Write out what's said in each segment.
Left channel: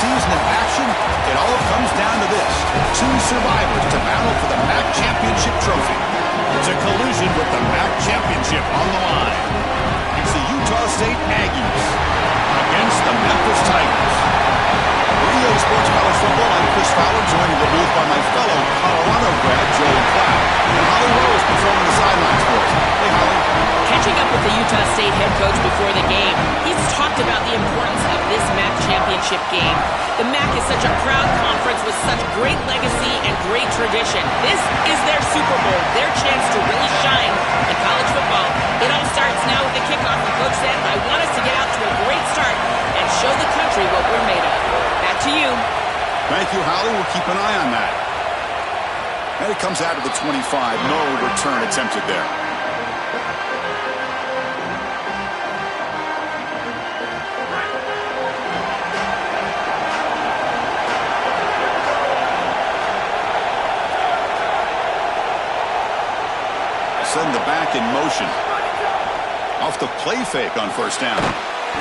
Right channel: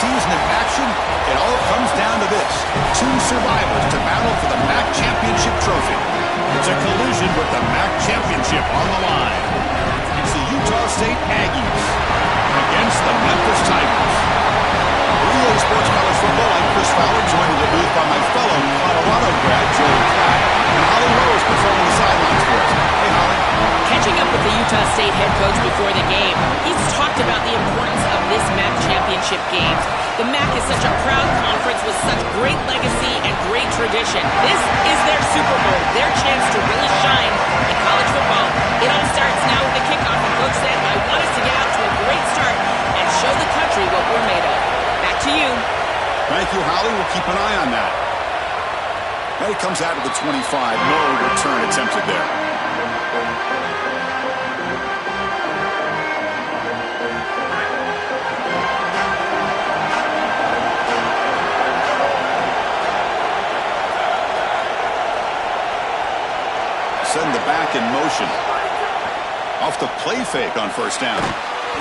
season in action, it all comes down to this. Two survivors to battle for the MAC championship trophy. It's a collision with the MAC championship on the line. It's the Utah State Aggies against the Memphis Tigers. For EA Sports College Football, I'm Chris Fowler, joined in the booth by my fellow Colorado grad, Joel Klatt, and Holly Rose patrolling the sidelines for us. Hey, Holly. Catching up with the Utah State head coach before the game, he's talked about the importance of this MAC championship game. The MAC is such a proud conference with such great legacy and great tradition. This is their Super Bowl, their chance to really shine in college football. It all starts now with the kickoff, and Coach said, I want us to get out to a great start and show the country what we're made of. Back to you. Thank you, Holly. We'll keep an eye on that. And it comes out of the 25. No return attempted there. Send the back in motion. Off the play fake on first down.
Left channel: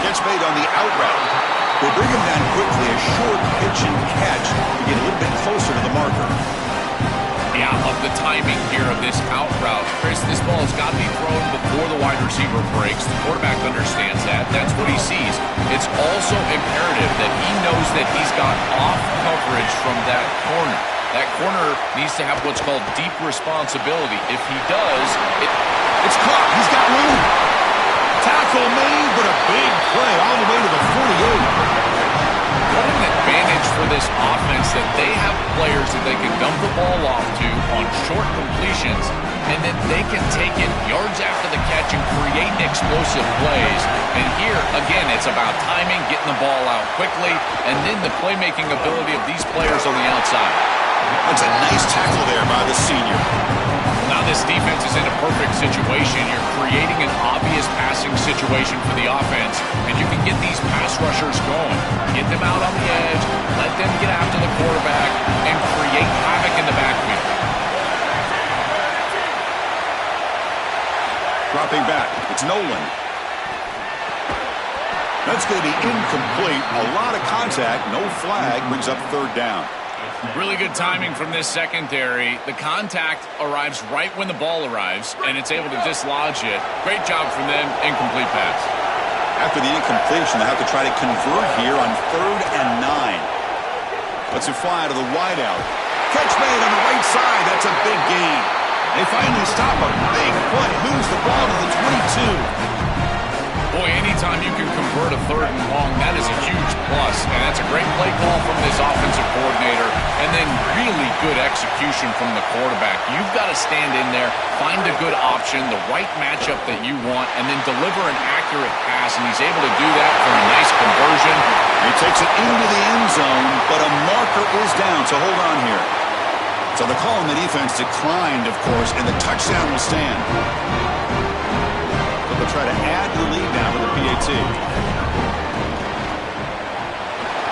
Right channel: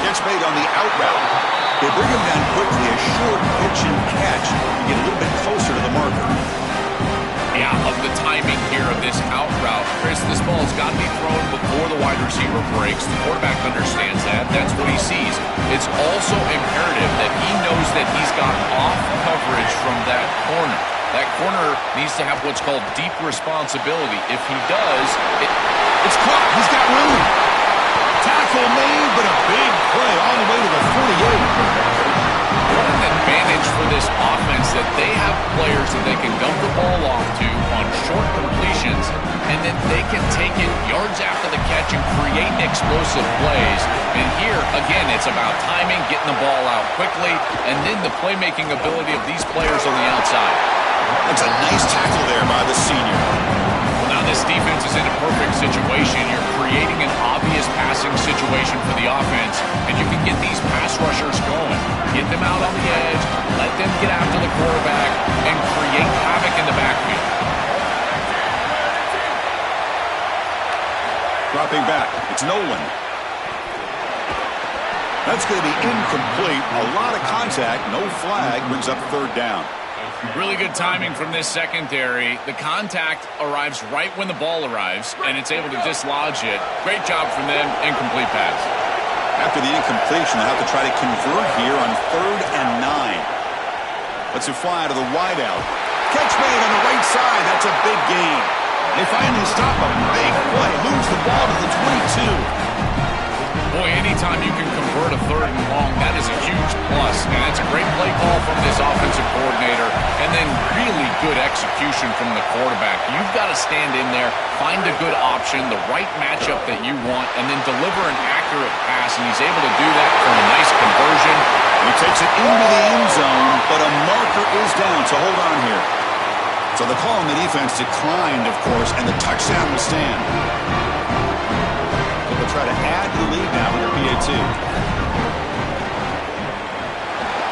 Catch made on the out route. They bring him down quickly, a short pitch and catch to get a little bit closer to the marker. Yeah, of the timing here of this out route. Chris, this ball has got to be thrown before the wide receiver breaks. The quarterback understands that. That's what he sees. It's also imperative that he knows that he's got off coverage from that corner. That corner needs to have what's called deep responsibility. If he does, it's caught. He's got room. Tackle made, but a big play all the way to the 48. What an advantage for this offense that they have players that they can dump the ball off to on short completions, and then they can take it yards after the catch and create explosive plays. And here, again, it's about timing, getting the ball out quickly, and then the playmaking ability of these players on the outside. That's a nice tackle there by the senior. Now this defense is in a perfect situation. You're creating an obvious passing situation for the offense, and you can get these pass rushers going. Get them out on the edge, let them get after the quarterback, and create havoc in the backfield. Dropping back, it's Nolan. That's going to be incomplete. A lot of contact, no flag, brings up third down. Really good timing from this secondary. The contact arrives right when the ball arrives, and it's able to dislodge it. Great job from them. Incomplete pass. After the incompletion, they'll have to try to convert here on 3rd and 9. Lets it fly out of the wideout. Catch made on the right side. That's a big gain. They finally stop a big play. Moves the ball to the 22. Boy, anytime you can convert a 3rd and long, that is a huge plus. And that's a great play call from this offensive coordinator. And then really good execution from the quarterback. You've got to stand in there, find a good option, the right matchup that you want, and then deliver an accurate pass. And he's able to do that for a nice conversion. He takes it into the end zone, but a marker is down, so hold on here. So the call on the defense declined, of course, and the touchdown will stand. They'll try to add to the lead now with the PAT.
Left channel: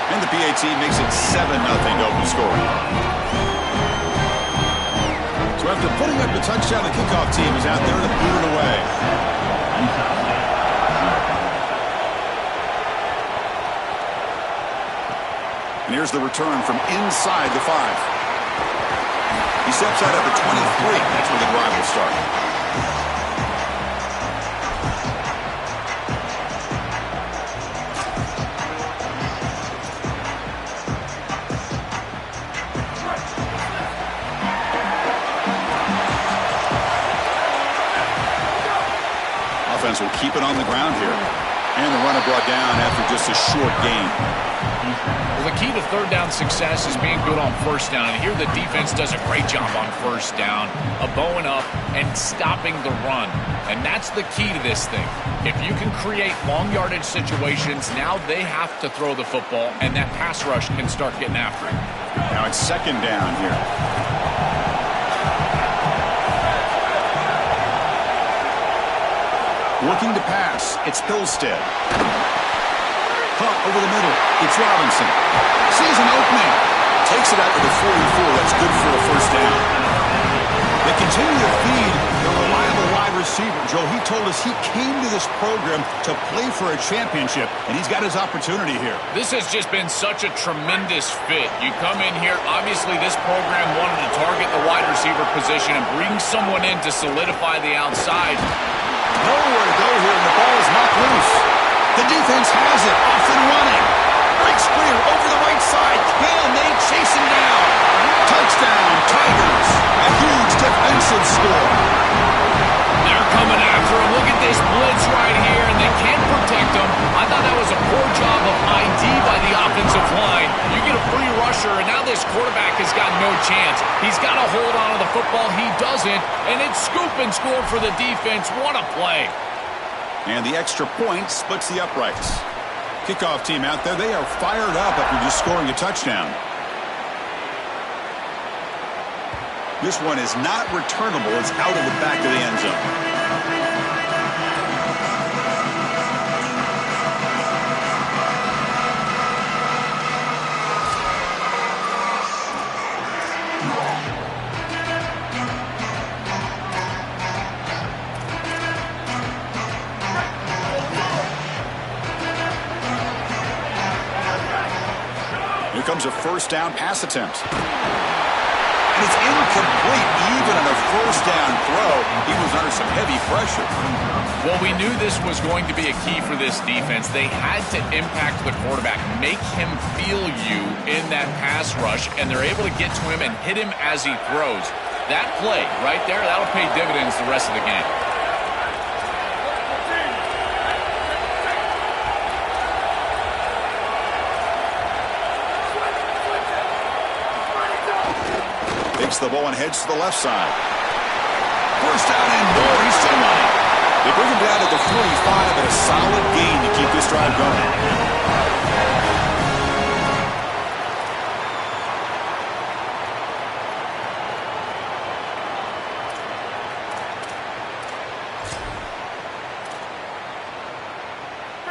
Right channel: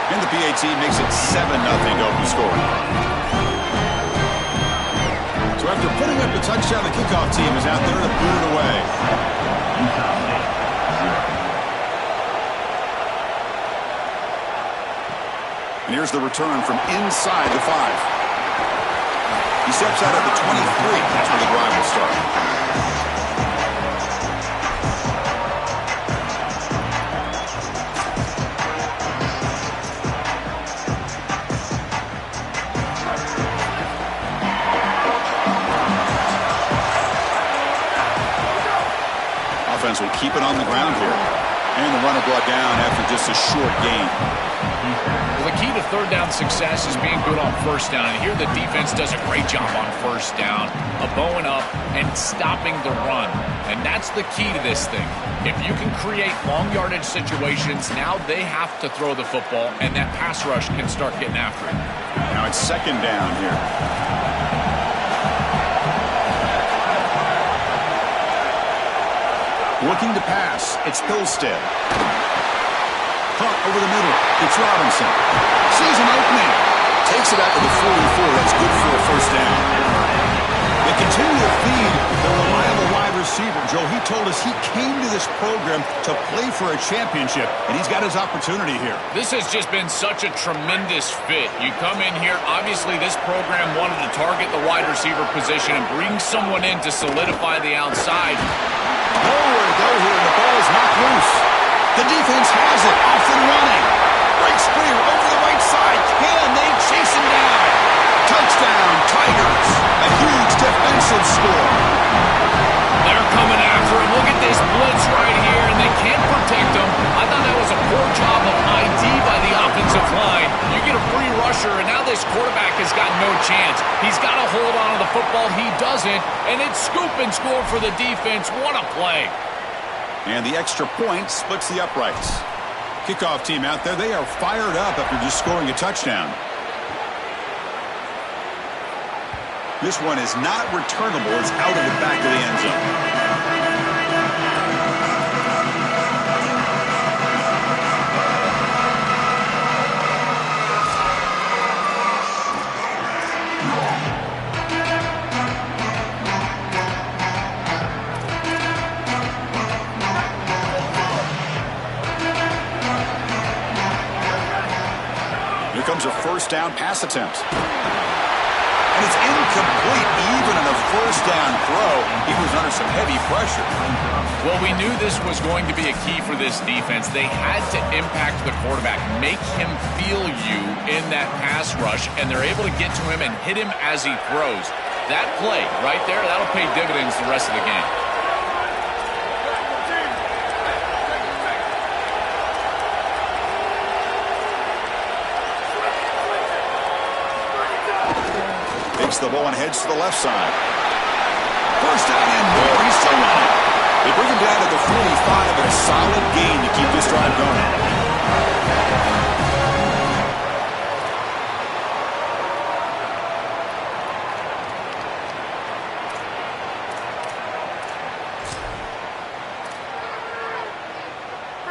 And the PAT makes it 7-0 open score. So after putting up the touchdown, the kickoff team is out there to boot it away. And here's the return from inside the 5. He steps out at the 23. That's where the drive will start. Offense will keep it on the ground here. And the runner brought down after just a short gain. Well, the key to 3rd down success is being good on 1st down. And here the defense does a great job on 1st down, bowing up and stopping the run. And that's the key to this thing. If you can create long yardage situations, now they have to throw the football, and that pass rush can start getting after it. Now it's 2nd down here. Working to pass. It's Hillstead. Caught over the middle. It's Robinson. Sees an opening. Takes it out to the 44. That's good for a 1st down. They continue to feed the reliable wide receiver. Joe, he told us he came to this program to play for a championship, and he's got his opportunity here. This has just been such a tremendous fit. You come in here, obviously this program wanted to target the wide receiver position and bring someone in to solidify the outside. Nowhere to go here, and the ball is knocked loose. The defense has it, off and running. Breaks clear over the right side. Can they chase him down? Touchdown, Tigers. A huge defensive score. They're coming after him. Look at this blitz right here, and they can't protect him. I thought that was a poor job of ID by the offensive line. You get a free rusher, and now this quarterback has got no chance. He's got to hold on to the football. He doesn't, and it's scoop and score for the defense. What a play. And the extra point splits the uprights. Kickoff team out there, they are fired up after just scoring a touchdown. This one is not returnable. It's out of the back of the end zone. Here comes a first down pass attempt. And it's incomplete. Even on a first down throw, he was under some heavy pressure. Well, we knew this was going to be a key for this defense. They had to impact the quarterback, make him feel you in that pass rush, and they're able to get to him and hit him as he throws. That play right there, that'll pay dividends the rest of the game. Takes the ball and heads to the left side. First down and more. He's still running. They bring him down to the 45 and a solid gain to keep this drive going.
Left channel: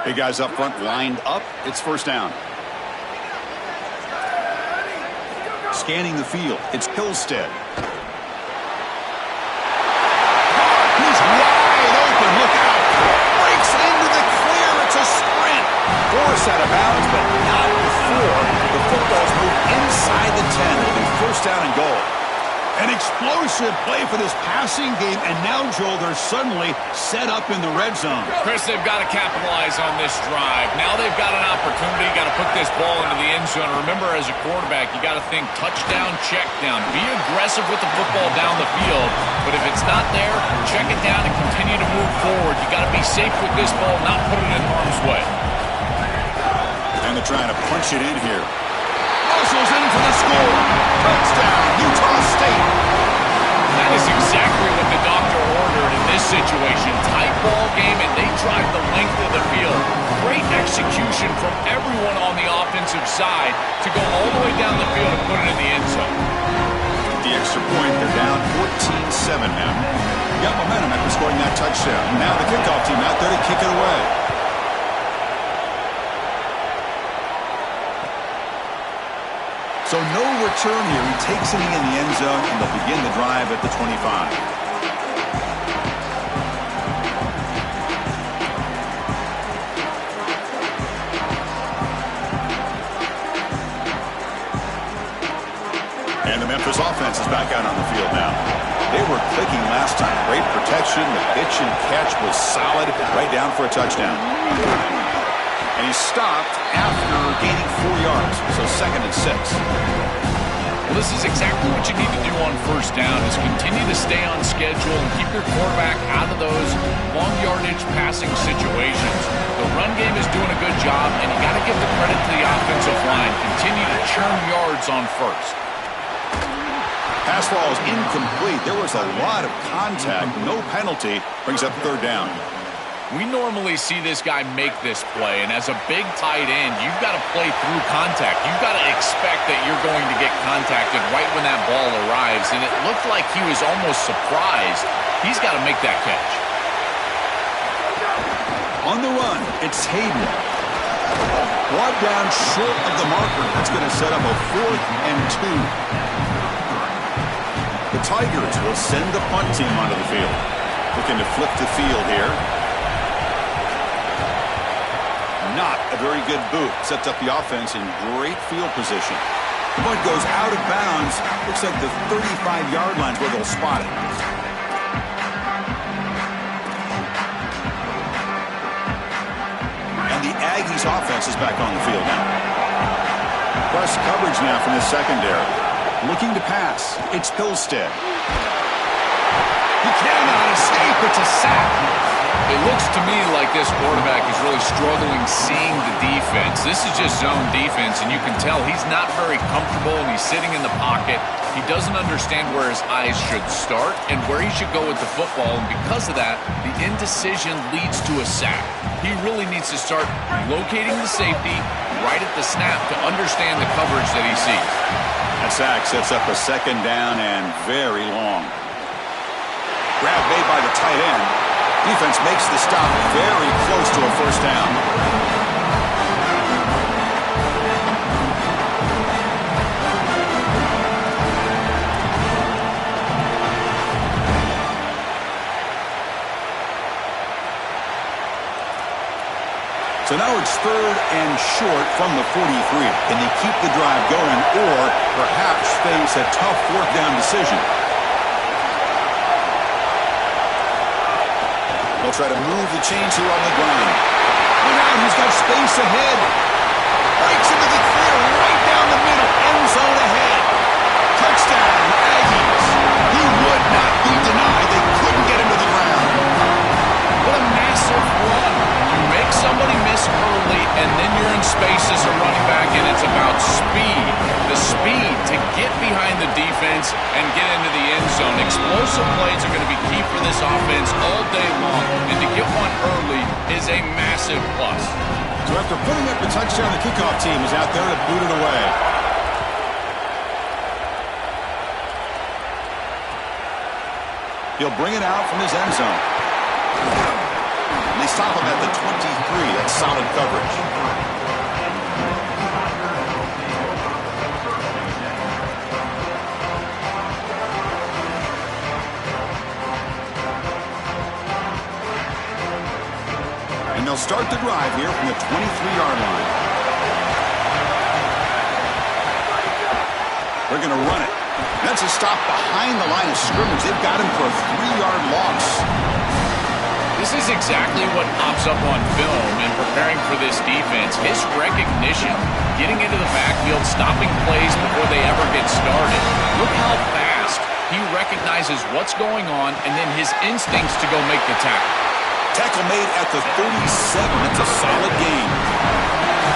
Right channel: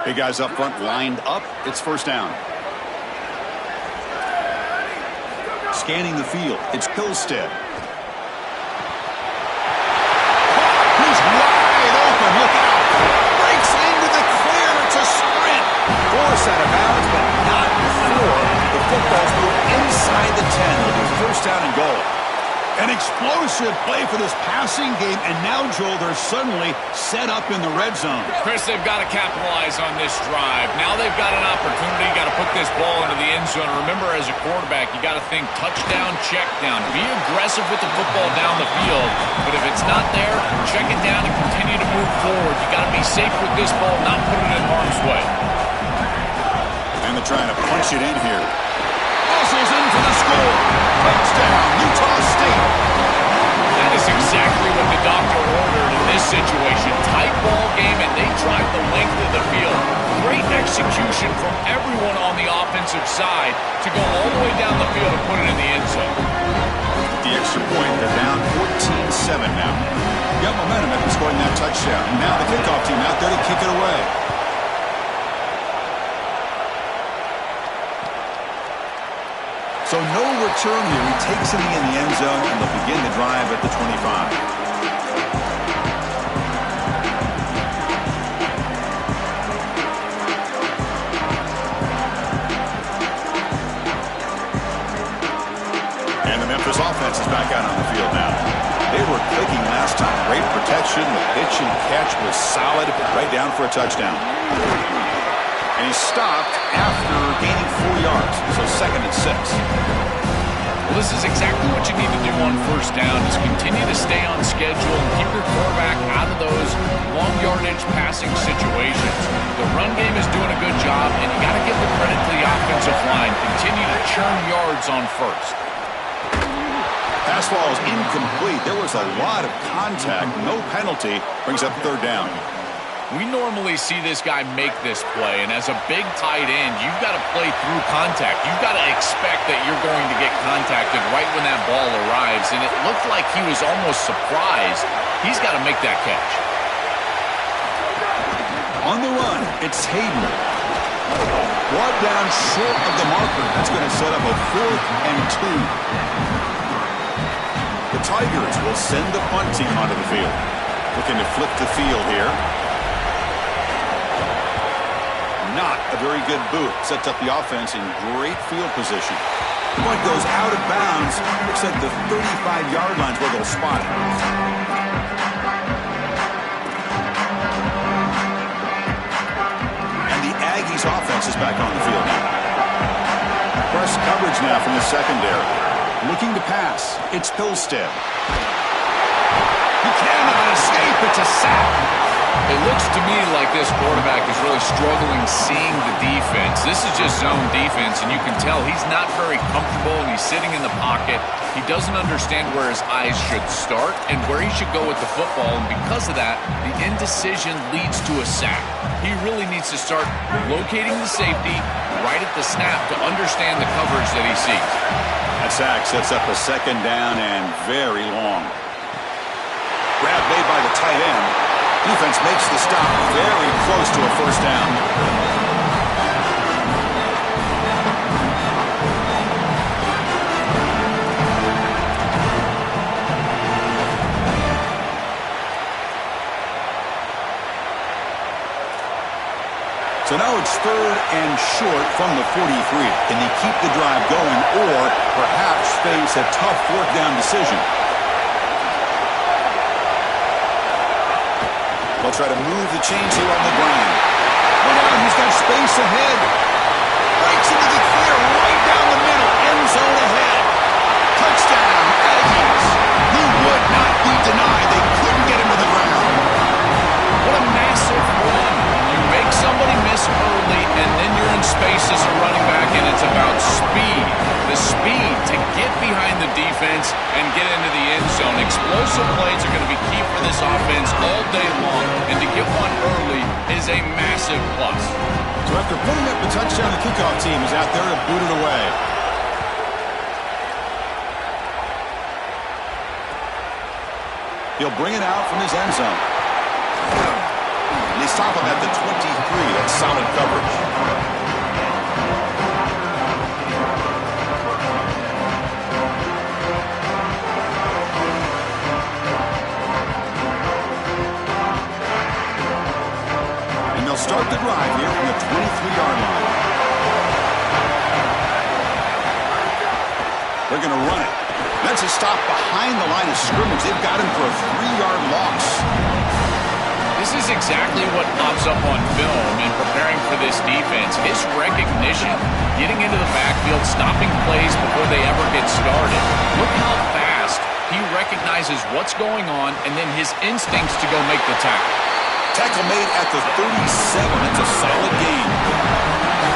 Hey, guys up front lined up. It's first down. Scanning the field, it's Hillstead. He's wide open, look out. Breaks into the clear, it's a sprint. Forced out of bounds, but not before the football's moved inside the 10. It'll be first down and goal. An explosive play for this passing game, and now, Joel, they're suddenly set up in the red zone. Chris, they've got to capitalize on this drive. Now they've got an opportunity. Got to put this ball into the end zone. Remember, as a quarterback, you got to think touchdown, check down. Be aggressive with the football down the field. But if it's not there, check it down and continue to move forward. You got to be safe with this ball, not put it in harm's way. And they're trying to punch it in here. Muscles in for the score. Touchdown, Utah State. That is exactly what the doctor ordered in this situation. Tight ball game, and they drive the length of the field. Great execution from everyone on the offensive side to go all the way down the field and put it in the end zone. The extra point, they're down 14-7 now. Got momentum after scoring that touchdown. Now the kickoff team out there to kick it away. So no return here. He takes it in the end zone, and they'll begin the drive at the 25. And the Memphis offense is back out on the field now. They were clicking last time. Great protection. The pitch and catch was solid. Right down for a touchdown. And he stopped after gaining 4 yards, so 2nd and 6. Well, this is exactly what you need to do on first down, is continue to stay on schedule and keep your quarterback out of those long yardage passing situations. The run game is doing a good job, and you got to give the credit to the offensive line. Continue to churn yards on first. Pass ball is incomplete. There was a lot of contact. No penalty. Brings up 3rd down. We normally see this guy make this play, and as a big tight end, you've got to play through contact. You've got to expect that you're going to get contacted right when that ball arrives, and it looked like he was almost surprised. He's got to make that catch. On the run, it's Hayden. Brought down short of the marker. That's going to set up a 4th and 2. The Tigers will send the punt team onto the field. Looking to flip the field here. Not a very good boot. Sets up the offense in great field position. The punt goes out of bounds. Looks like the 35-yard line's where they'll spot it. And the Aggies offense is back on the field now. Press coverage now from the secondary. Looking to pass. It's Hillstead. He cannot escape. It's a sack. It looks to me like this quarterback is really struggling seeing the defense. This is just zone defense, and you can tell he's not very comfortable, and he's sitting in the pocket. He doesn't understand where his eyes should start and where he should go with the football, and because of that, the indecision leads to a sack. He really needs to start locating the safety right at the snap to understand the coverage that he sees. That sack sets up a second down and very long. Grab made by the tight end. Defense makes the stop very close to a first down. So now it's 3rd and short from the 43. Can they keep the drive going or perhaps face a tough fourth down decision? They'll try to move the chains here on the ground. Went out, he's got space ahead. Breaks into the clear right down the middle. End zone ahead. Touchdown, Aggies. He would not be denied. They couldn't get him to the ground. What a massive run. You make somebody miss early, and then you're in space as a running back, and it's about speed. The speed to get behind the defense and get into the end zone. Explosive plays are going to be key for this offense all day long, and to get one early is a massive plus. So after putting up the touchdown, the kickoff team is out there to boot it away. He'll bring it out from his end zone. And they stop him at the 23. That's solid coverage. And they'll start the drive here from the 23-yard line. They're going to run it. That's a stop behind the line of scrimmage. They've got him for a 3-yard loss. This is exactly what pops up on film in preparing for this defense. His recognition, getting into the backfield, stopping plays before they ever get started. Look how fast he recognizes what's going on and then his instincts to go make the tackle. Tackle made at the 37. That's a solid gain.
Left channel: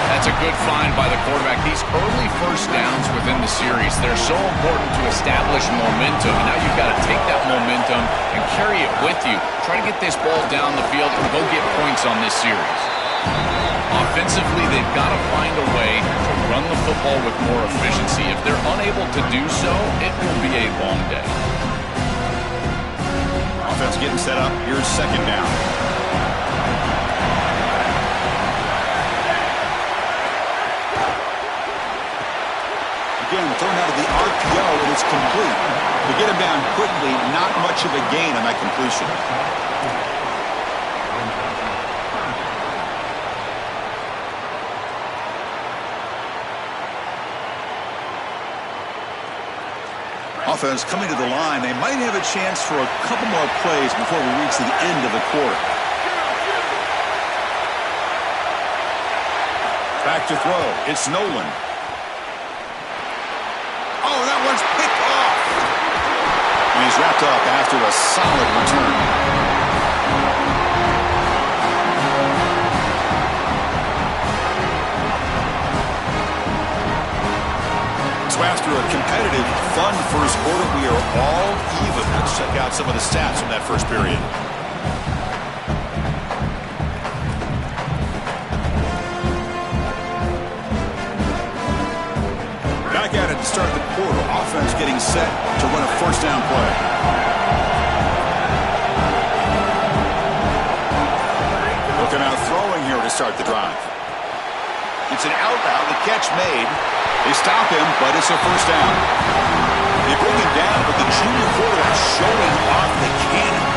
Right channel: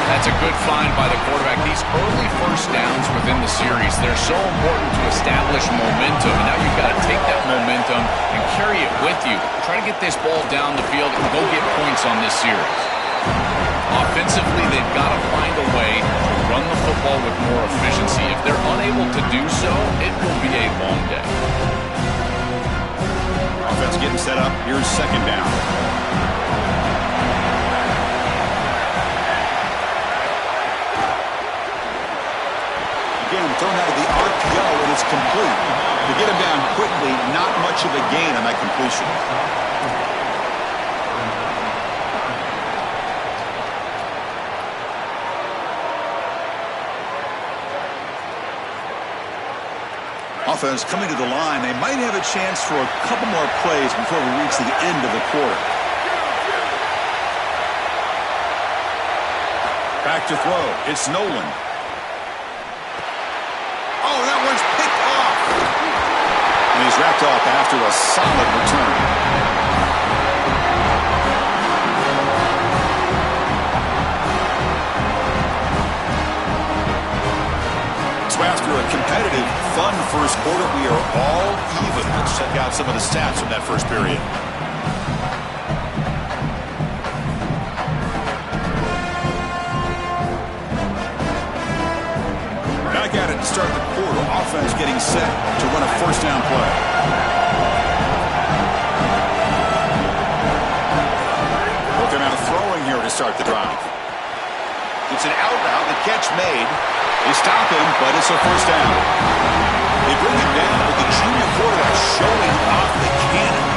That's a good find by the quarterback. These early first downs within the series, they're so important to establish momentum. And now you've got to take that momentum and carry it with you. Try to get this ball down the field and go get points on this series. Offensively, they've got to find a way to run the football with more efficiency. If they're unable to do so, it will be a long day. Offense getting set up. Here's second down. Again, thrown out of the RPO, and it's complete. To get him down quickly, not much of a gain on that completion. Offense coming to the line. They might have a chance for a couple more plays before we reach the end of the quarter. Back to throw. It's Nolan. Oh, that one's picked off. And he's wrapped up after a solid return. So after a competitive, fun first quarter, we are all even. Let's check out some of the stats from that first period. Back at it to start the quarter. Offense getting set to run a first down play. Looking out throwing here to start the drive. It's an out route. The catch made. They stop him, but it's a first down. They bring him down, but the junior quarterback showing off the cannon.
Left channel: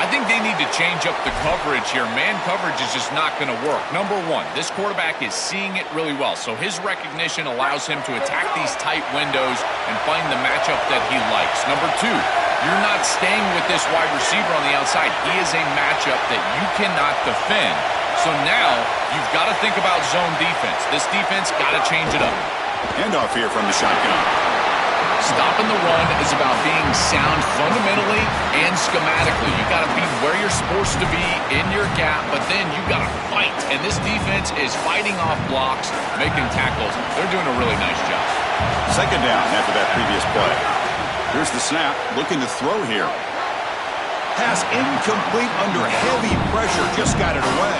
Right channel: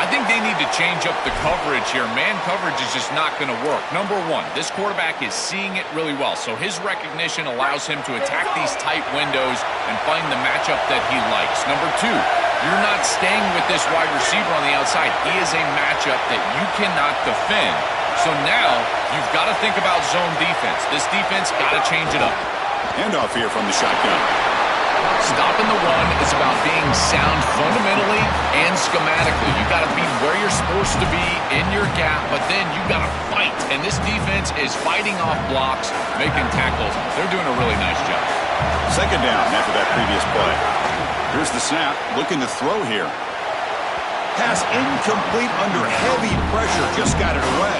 I think they need to change up the coverage here. Man coverage is just not going to work. Number one, this quarterback is seeing it really well, so his recognition allows him to attack these tight windows and find the matchup that he likes. Number two, you're not staying with this wide receiver on the outside. He is a matchup that you cannot defend. So now you've got to think about zone defense. This defense got to change it up. Handoff here from the shotgun. Stopping the run is about being sound fundamentally and schematically. You got to be where you're supposed to be in your gap, but then you got to fight. And this defense is fighting off blocks, making tackles. They're doing a really nice job. Second down after that previous play. Here's the snap, looking to throw here. Pass incomplete under heavy pressure, just got it away.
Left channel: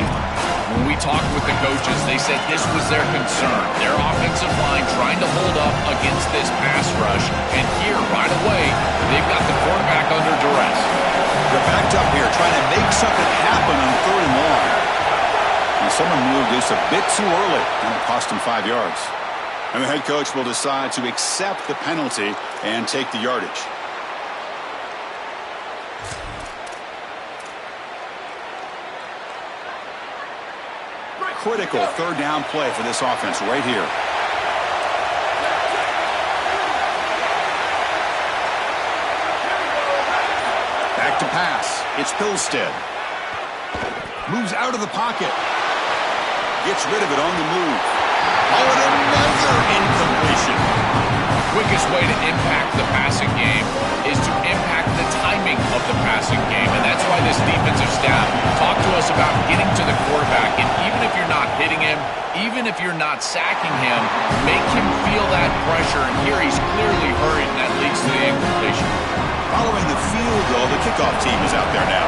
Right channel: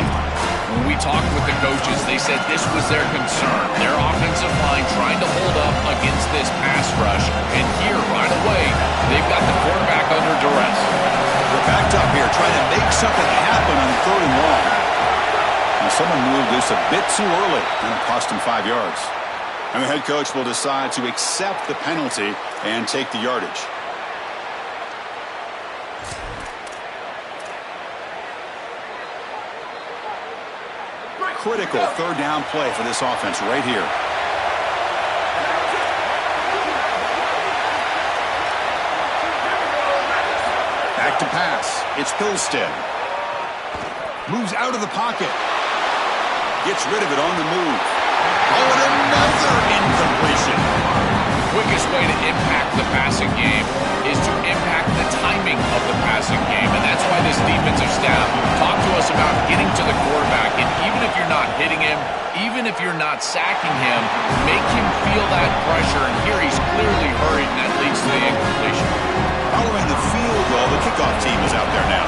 When we talked with the coaches, they said this was their concern. Their offensive line trying to hold up against this pass rush. And here, right away, they've got the quarterback under duress. They're backed up here, trying to make something happen on 3rd and long. Now, someone moved this a bit too early, and it cost him 5 yards. And the head coach will decide to accept the penalty and take the yardage. Critical 3rd down play for this offense right here. Back to pass. It's Pilstead. Moves out of the pocket. Gets rid of it on the move. Oh, and another incompletion. The quickest way to impact the passing game is to impact the timing of the passing game. And that's why this defensive staff talked to us about getting to the quarterback. And even if you're not hitting him, even if you're not sacking him, make him feel that pressure. And here he's clearly hurried, and that leads to the incompletion. Following the field goal, the kickoff team is out there now.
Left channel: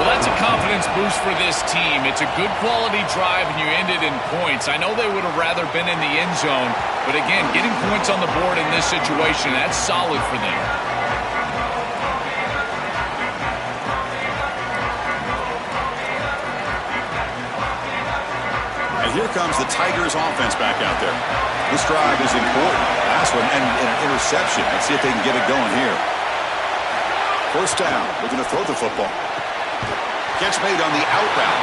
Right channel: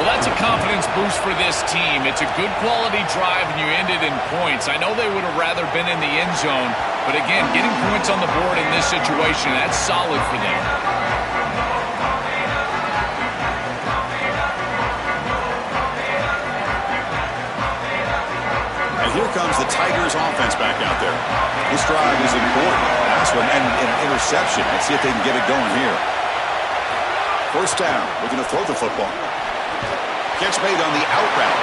Well, that's a confidence boost for this team. It's a good quality drive, and you ended in points. I know they would have rather been in the end zone, but again, getting points on the board in this situation, that's solid for them. And here comes the Tigers offense back out there. This drive is important. Last one, and an interception. Let's see if they can get it going here. 1st down, looking to throw the football. Catch made on the out route.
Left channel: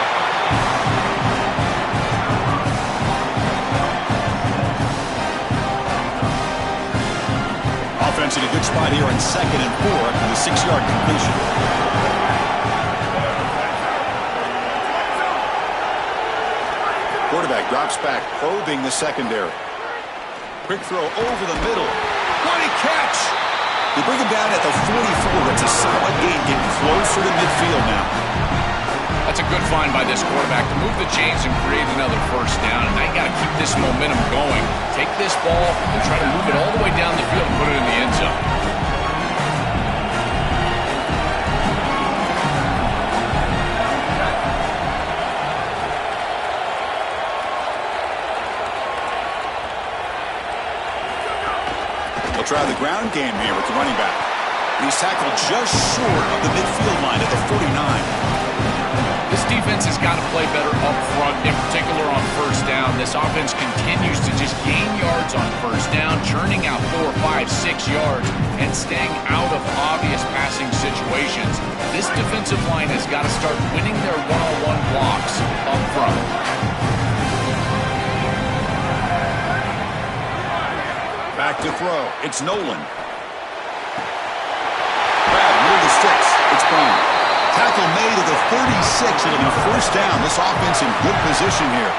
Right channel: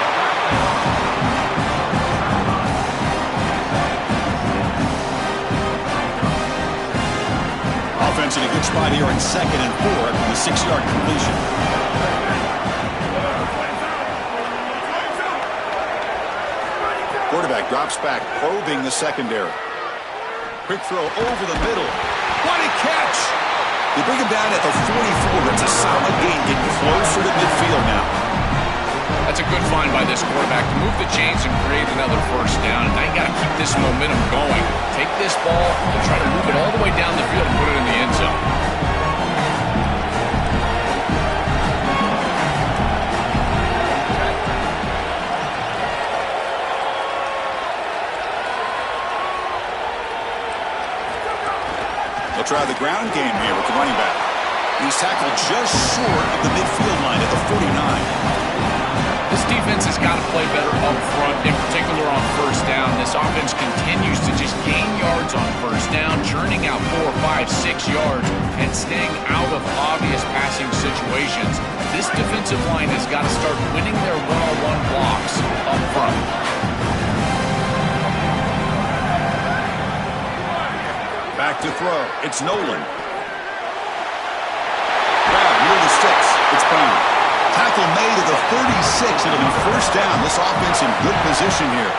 Offense in a good spot here in 2nd and 4 after the 6-yard completion. Quarterback drops back, probing the secondary. Quick throw over the middle. What a catch! They bring him down at the 44. That's a solid gain, getting closer to midfield now. That's a good find by this quarterback to move the chains and create another 1st down. And now you got to keep this momentum going. Take this ball and try to move it all the way down the field and put it in the end zone. They'll try the ground game here with the running back. And he's tackled just short of the midfield line at the 49. This defense has got to play better up front, in particular on 1st down. This offense continues to just gain yards on 1st down, churning out 4, 5, 6 yards, and staying out of obvious passing situations. This defensive line has got to start winning their one-on-one blocks up front. Back to throw. It's Nolan. Grab near the sticks. It's Brown. Tackle made at the 36. It'll be 1st down. This offense in good position here.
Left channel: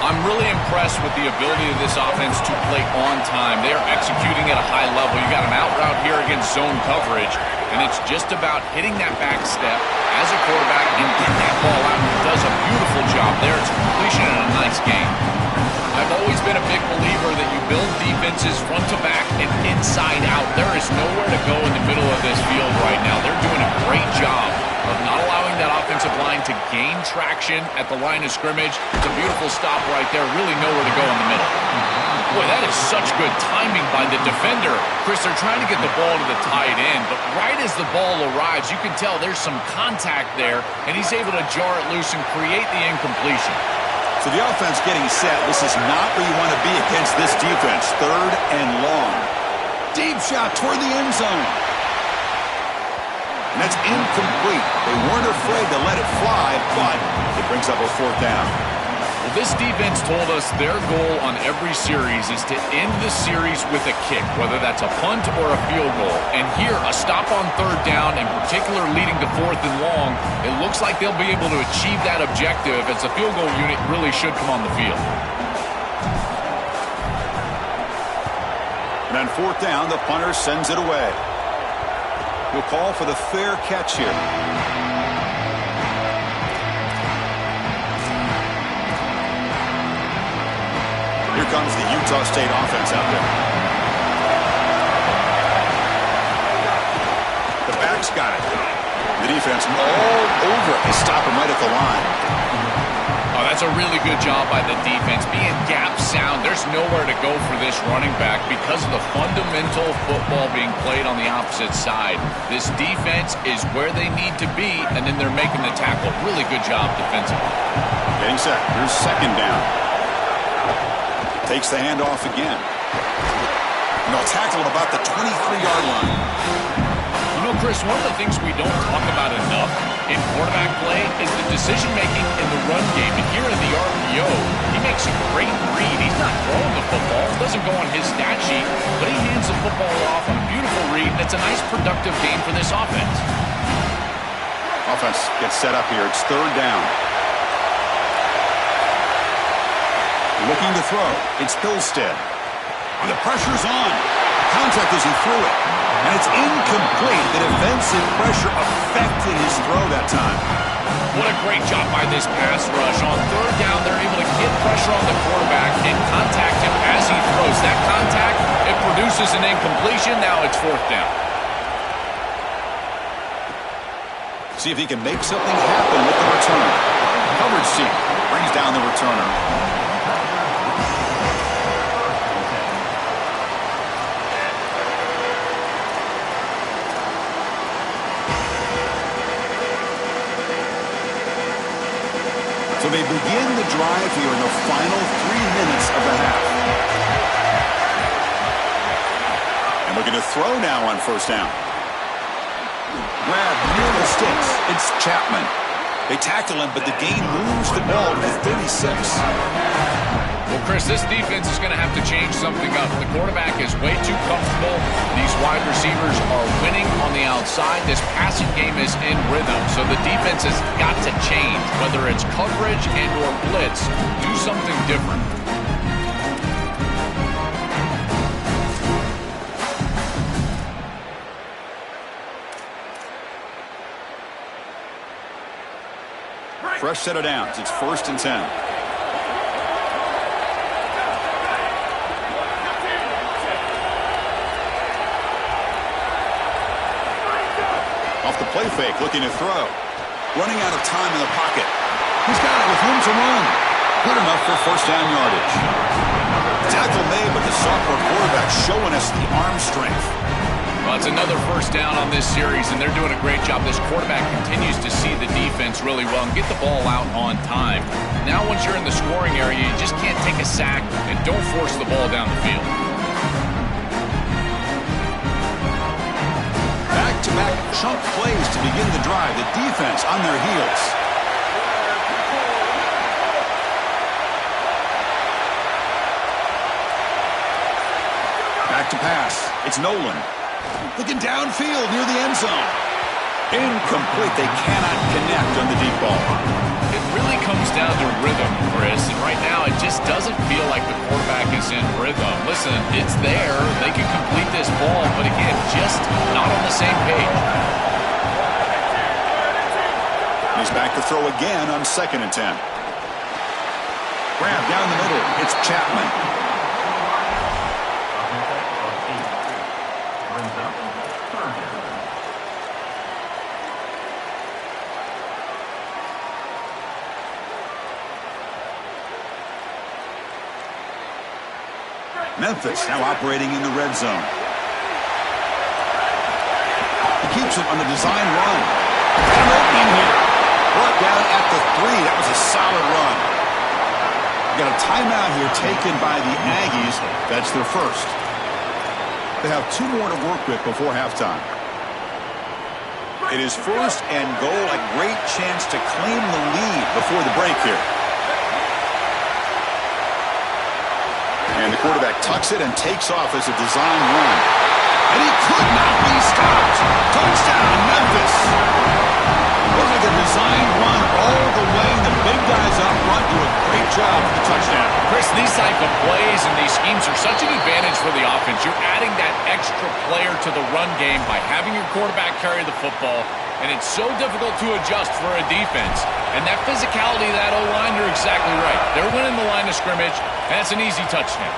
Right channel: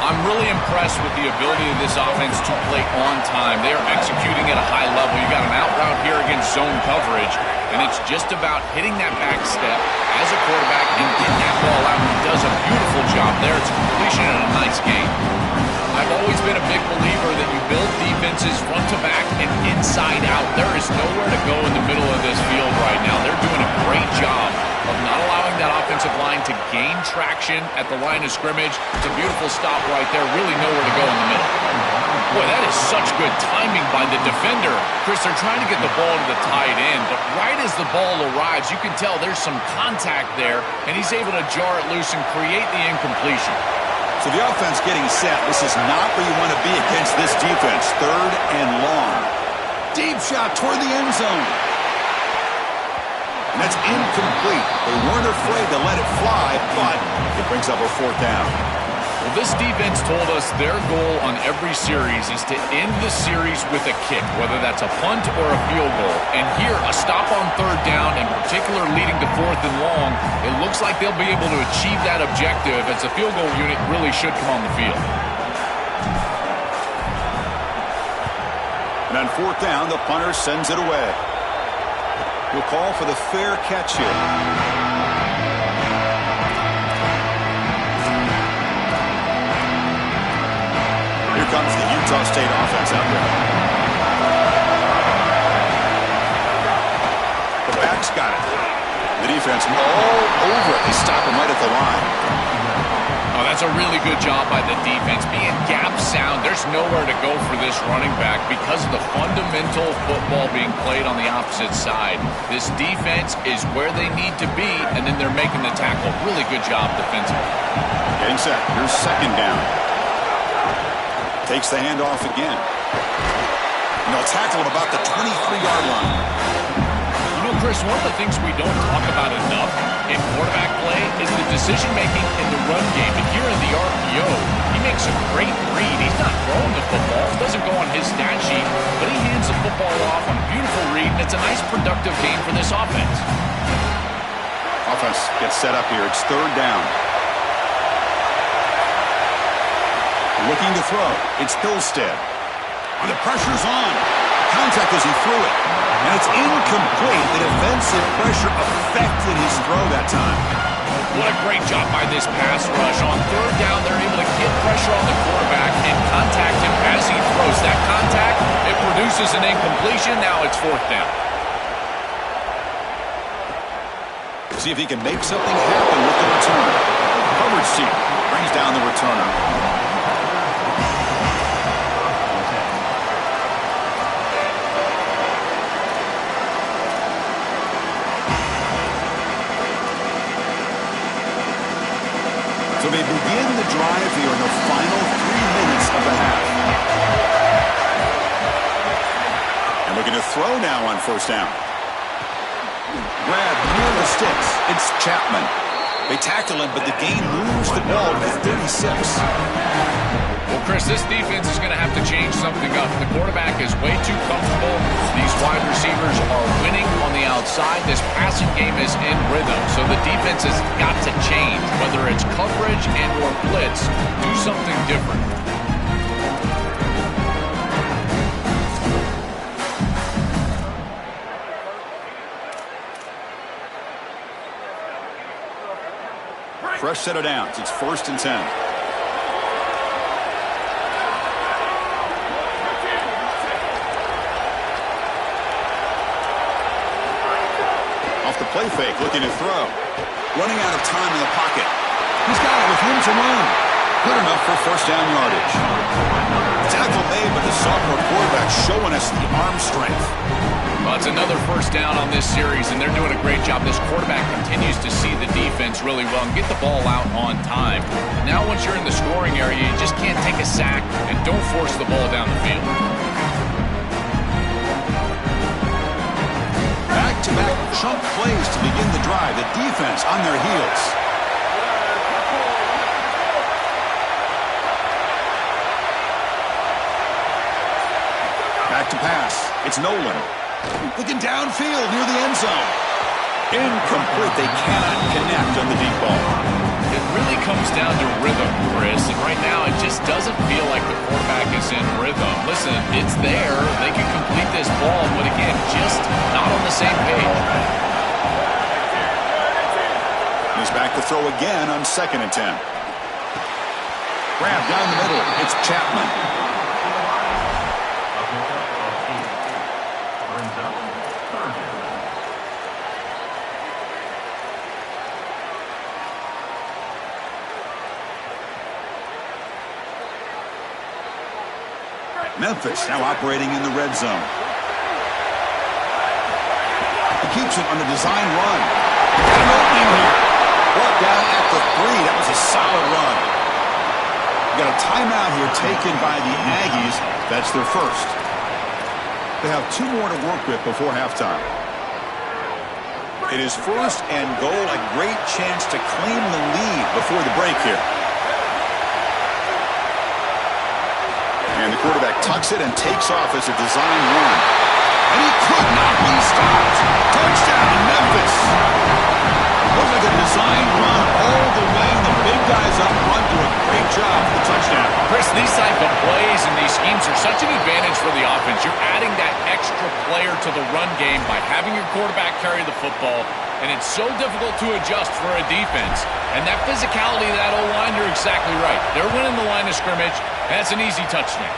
I'm really impressed with the ability of this offense to play on time. They are executing at a high level. You got an out route here against zone coverage, and it's just about hitting that back step as a quarterback and getting that ball out. He does a beautiful job there. It's a completion and a nice game. I've always been a big believer that you build defenses front to back and inside out. There is nowhere to go in the middle of this field right now. They're doing a great job of not allowing that offensive line to gain traction at the line of scrimmage. It's a beautiful stop right there. Really nowhere to go in the middle. Boy, that is such good timing by the defender. Chris, they're trying to get the ball to the tight end, but right as the ball arrives, you can tell there's some contact there, and he's able to jar it loose and create the incompletion. So the offense getting set. This is not where you want to be against this defense. 3rd and long. Deep shot toward the end zone. And that's incomplete. They weren't afraid to let it fly, but it brings up a 4th down. Well, this defense told us their goal on every series is to end the series with a kick, whether that's a punt or a field goal. And here, a stop on 3rd down, in particular leading to 4th and long, it looks like they'll be able to achieve that objective, as the field goal unit really should come on the field. And on 4th down, the punter sends it away. He'll call for the fair catch here. Here comes the Utah State offense out there. The back's got it. The defense all over it. They stop him right at the line. Oh, that's a really good job by the defense. Being gap sound, there's nowhere to go for this running back because of the fundamental football being played on the opposite side. This defense is where they need to be, and then they're making the tackle. Really good job defensively. Getting set. Here's 2nd down. Takes the handoff again. And they'll tackle him about the 23-yard line. You know, Chris, one of the things we don't talk about enough in quarterback play is the decision-making in the run game. And here in the RPO, he makes a great read. He's not throwing the football. It doesn't go on his stat sheet, but he hands the football off on a beautiful read, and it's a nice, productive game for this offense. Offense gets set up here. It's 3rd down. Looking to throw. It's Hillstead. And the pressure's on. Contact as he threw it. And it's incomplete. The defensive pressure affected his throw that time. What a great job by this pass rush. On 3rd down, they're able to get pressure on the quarterback and contact him as he throws. That contact, it produces an incompletion. Now it's 4th down. See if he can make something happen with the return. Coverage team brings down the returner. So they begin the drive here in the final 3 minutes of the half. And looking to throw now on 1st down. Grab near the sticks. It's Chapman. They tackle him, but the gain moves the ball to the 36. Well, Chris, this defense is going to have to change something up. The quarterback is way too comfortable. These wide receivers are winning on the outside. This passing game is in rhythm, so the defense has got to change. Whether it's coverage and or blitz, do something different. Fresh set of downs. It's 1st and 10. Off the play fake, looking to throw. Running out of time in the pocket. He's got it with room to run. Good enough for 1st down yardage. Tackle made, but the sophomore quarterback showing us the arm strength. Well, it's another 1st down on this series, and they're doing a great job. This quarterback continues to see the defense really well and get the ball out on time. Now, once you're in the scoring area, you just can't take a sack and don't force the ball down the field. Back-to-back chunk plays to begin the drive. The defense on their heels. Back to pass. It's Nolan. Looking downfield near the end zone. Incomplete. They cannot connect on the deep ball. It really comes down to rhythm, Chris, and right now it just doesn't feel like the quarterback is in rhythm. Listen, it's there. They can complete this ball, but again, just not on the same page. He's back to throw again on 2nd and 10. Grab down the middle. It's Chapman. Memphis now operating in the red zone. He keeps it on the design run. Got an opening here. Brought down at the 3. That was a solid run. We got a timeout here taken by the Aggies. That's their first. They have 2 more to work with before halftime. It is first and goal, a great chance to claim the lead before the break here. And the quarterback tucks it and takes off as a design run. And he could not be stopped. Touchdown, Memphis. Looks like a design run all the way. The big guys up front do a great job for the touchdown. Chris, these type of plays and these schemes are such an advantage for the offense. You're adding that extra player to the run game by having your quarterback carry the football, and it's so difficult to adjust for a defense. And that physicality of that O-line, you're exactly right. They're winning the line of scrimmage, and it's an easy touchdown.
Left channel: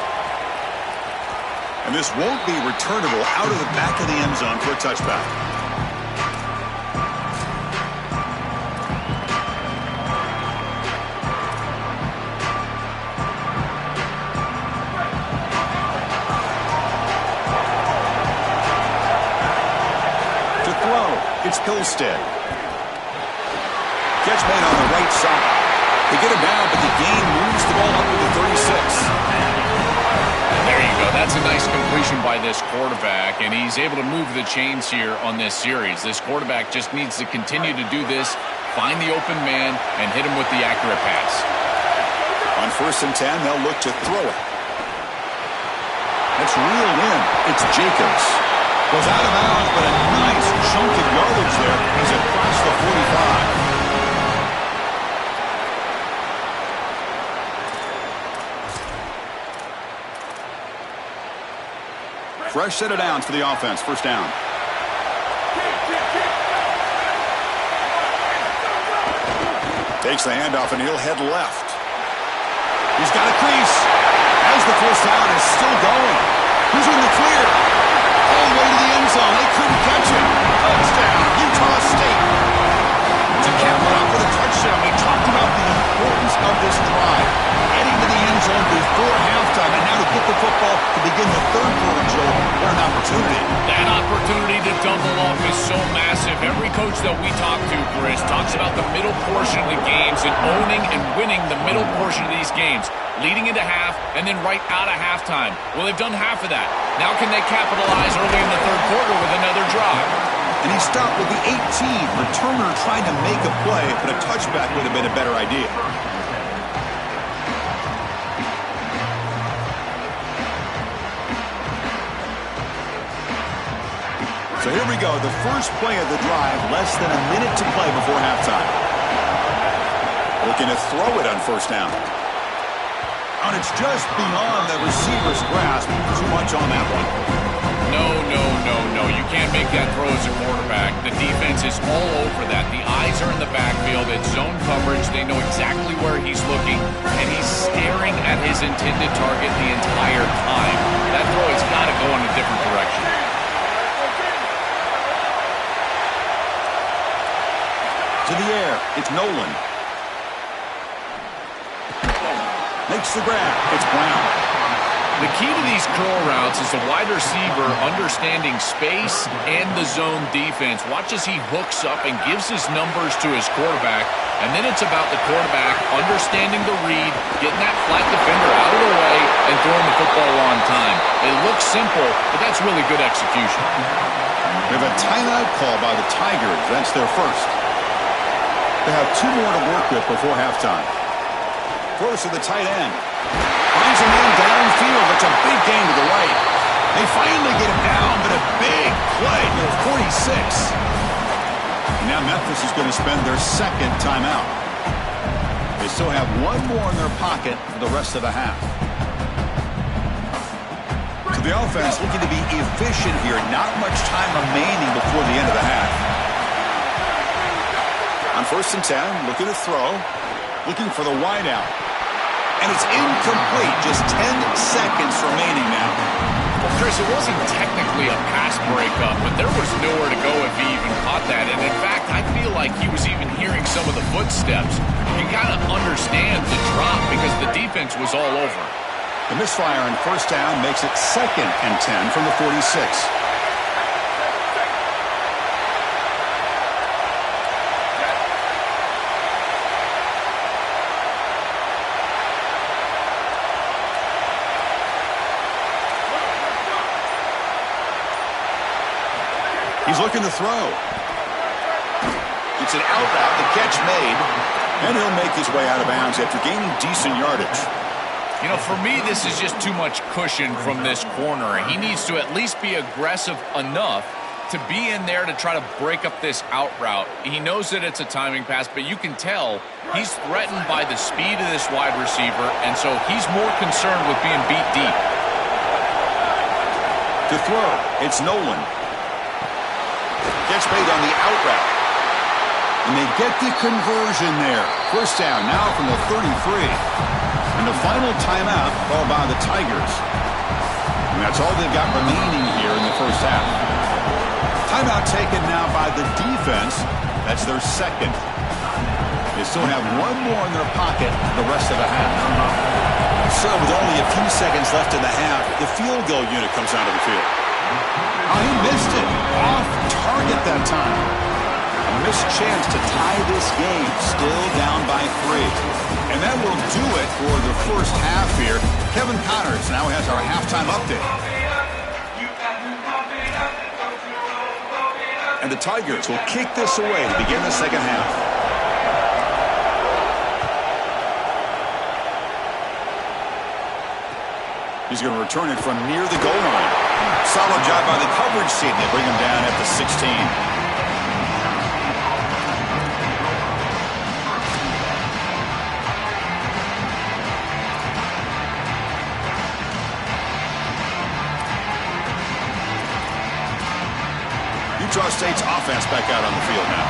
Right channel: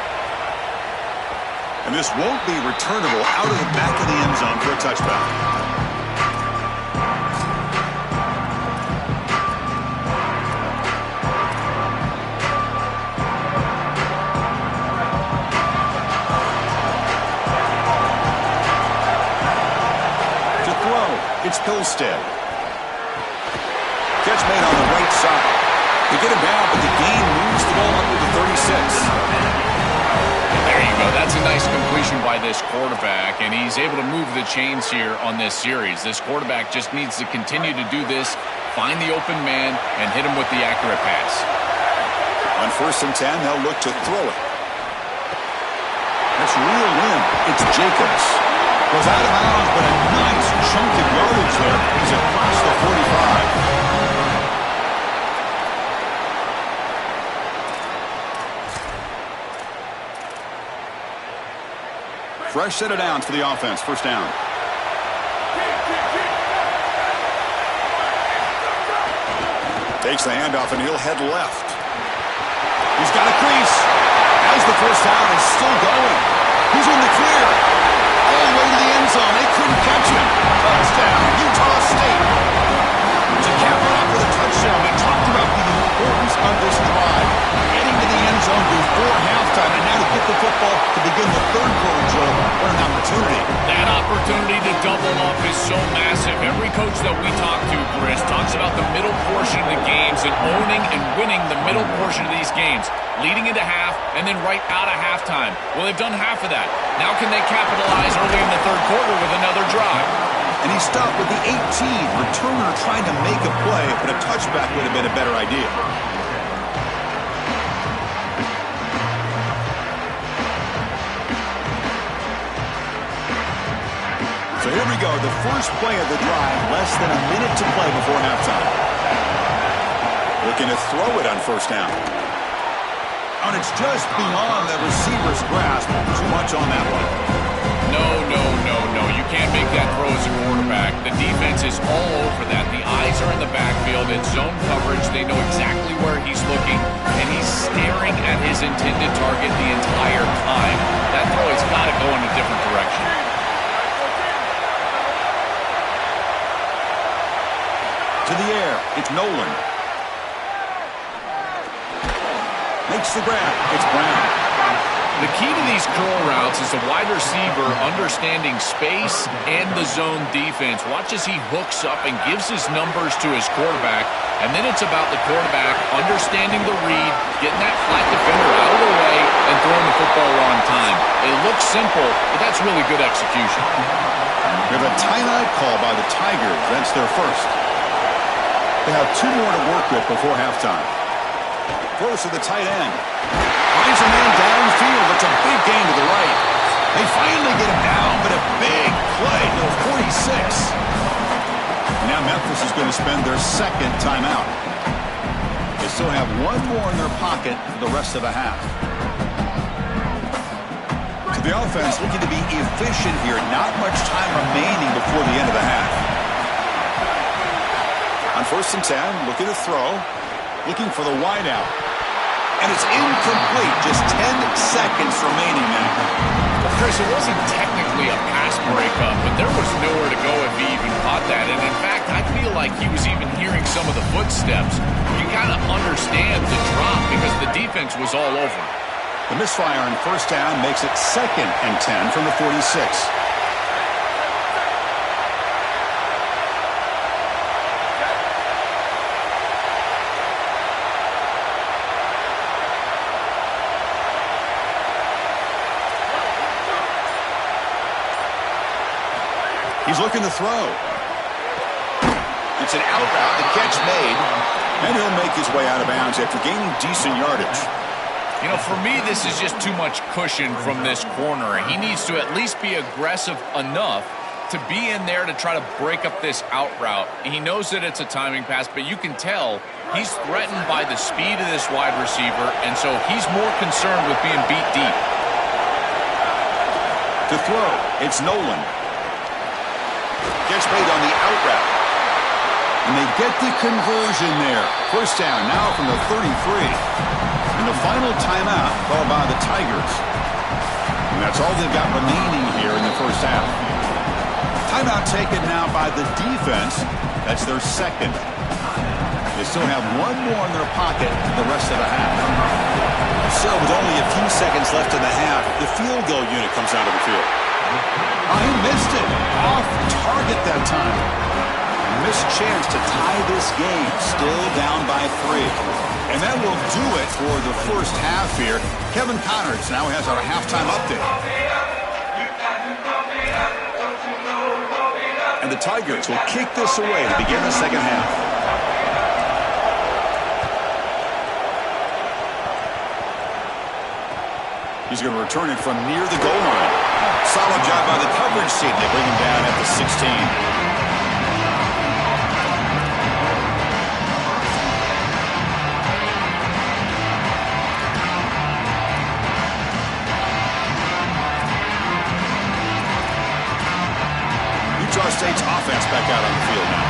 And this won't be returnable out of the back of the end zone for a touchback. It's Hillstead. Catch made on the right side. They get him down, but the gain moves the ball up to the 36. And there you go. That's a nice completion by this quarterback, and he's able to move the chains here on this series. This quarterback just needs to continue to do this, find the open man, and hit him with the accurate pass. On 1st and 10, they'll look to throw it. That's reeled in. It's Jacobs. Goes out of bounds, but a nice chunk of yardage there. He's across the 45. Fresh set of downs for the offense. First down. Takes the handoff, and he'll head left. He's got a crease. As the first down is still going. Who's in the clear? All the way to the end zone. They couldn't catch him. Touchdown, Utah State. To cap it off with a touchdown. We talked about the importance of this drive. Getting to the end zone before halftime. And now to get the football to begin the third quarter, Joe. What an opportunity. That opportunity to double up is so massive. Every coach that we talk to, Chris, talks about the middle portion of the games and owning and winning the middle portion of these games, leading into half and then right out of halftime. Well, they've done half of that. Now can they capitalize early in the third quarter with another drive? And he stopped with the 18. Returner trying to make a play, but a touchback would have been a better idea. So here we go, the first play of the drive, less than a minute to play before halftime. Looking to throw it on 1st down. And it's just beyond the receiver's grasp. Too much on that one. No. You can't make that throw as a quarterback. The defense is all over that. The eyes are in the backfield. It's zone coverage. They know exactly where he's looking, and he's staring at his intended target the entire time. That throw has got to go in a different direction. To the air, it's Nolan. Makes the grab. It's Brown. The key to these curl routes is the wide receiver understanding space and the zone defense. Watch as he hooks up and gives his numbers to his quarterback. And then it's about the quarterback understanding the read, getting that flat defender out of the way, and throwing the football on time. It looks simple, but that's really good execution. We have a timeout call by the Tigers. That's their first. They have 2 more to work with before halftime. First to the tight end. Finds a man downfield. It's a big gain to the right. They finally get him down, but a big play to the 46. Now Memphis is going to spend their second timeout. They still have 1 more in their pocket for the rest of the half. To the offense, looking to be efficient here. Not much time remaining before the end of the half. On 1st and 10, looking to throw. Looking for the wideout. And it's incomplete. Just 10 seconds remaining now. Well, Chris, it wasn't technically a pass breakup, but there was nowhere to go if he even caught that. And in fact, I feel like he was even hearing some of the footsteps. You kind of understand the drop because the defense was all over. The misfire on 1st down makes it 2nd and 10 from the 46. He's looking to throw. It's an out route, the catch made, and he'll make his way out of bounds after gaining decent yardage. You know, for me, this is just too much cushion from this corner. He needs to at least be aggressive enough to be in there to try to break up this out route. He knows that it's a timing pass, but you can tell he's threatened by the speed of this wide receiver, and so he's more concerned with being beat deep. To throw, it's Nolan. Catch made on the out route. And they get the conversion there. First down now from the 33. And the final timeout called by the Tigers. And that's all they've got remaining here in the first half. Timeout taken now by the defense. That's their second. They still have one more in their pocket the rest of the half. So with only a few seconds left in the half, the field goal unit comes out of the field. Oh, he missed it. Off target that time. A missed chance to tie this game. Still down by 3. And that will do it for the first half here. Kevin Connors now has our halftime update. And the Tigers will kick this away to begin the second half. He's going to return it from near the goal line. Solid job by the coverage team. They bring him down at the 16. Utah State's offense back out on the field now.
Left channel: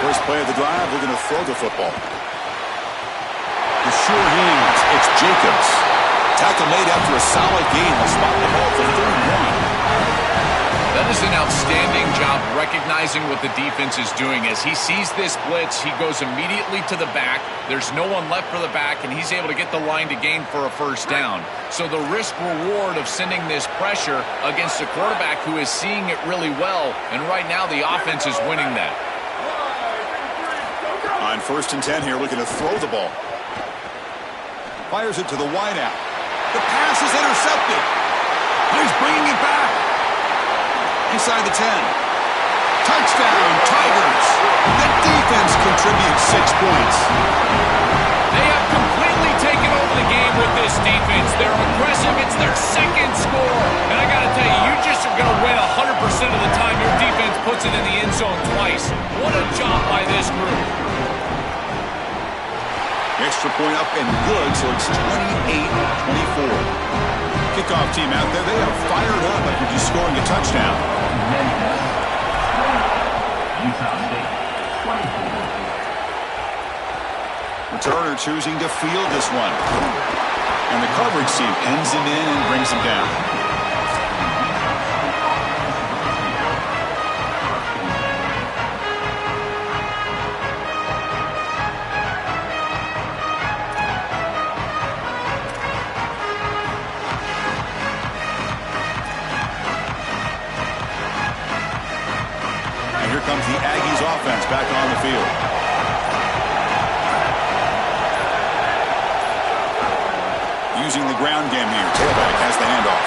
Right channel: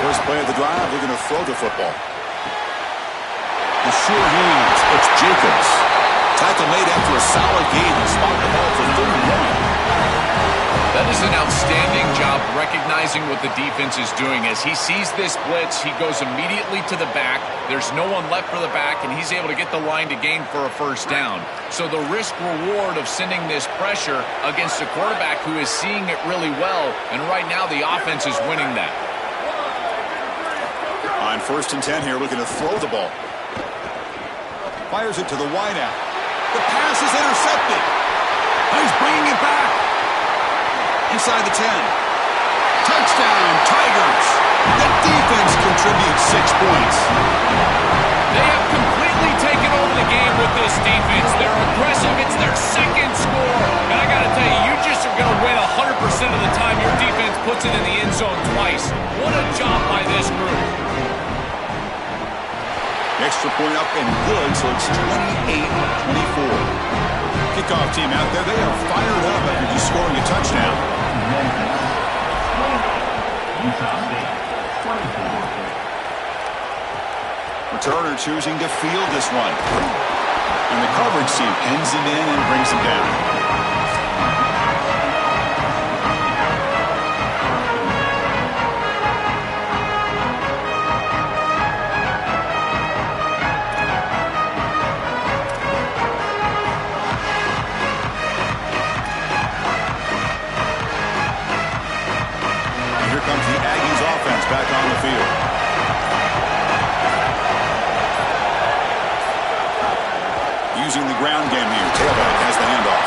First play of the drive, looking to throw the football. The sure hands, it's Jacobs. Tackle made after a solid gain. They'll spot the ball for 31. That is an outstanding job recognizing what the defense is doing. As he sees this blitz, he goes immediately to the back. There's no one left for the back, and he's able to get the line to gain for a first down. So the risk-reward of sending this pressure against a quarterback who is seeing it really well, and right now the offense is winning that. On 1st and 10 here, looking to throw the ball. Fires it to the wideout. The pass is intercepted. He's bringing it back. Inside the 10. Touchdown, Tigers. The defense contributes 6 points. They have completely taken over the game with this defense. They're aggressive. It's their second score. And I got to tell you, you just are going to win 100% of the time your defense puts it in the end zone twice. What a job by this group. Extra point up and good, so it's 28-24. Kickoff team out there, they are fired up after just scoring a touchdown. Utah State, 24. Returner choosing to field this one. And the coverage team pens him in and brings him down. Comes the Aggies offense back on the field. Using the ground game here. Tailback has the handoff.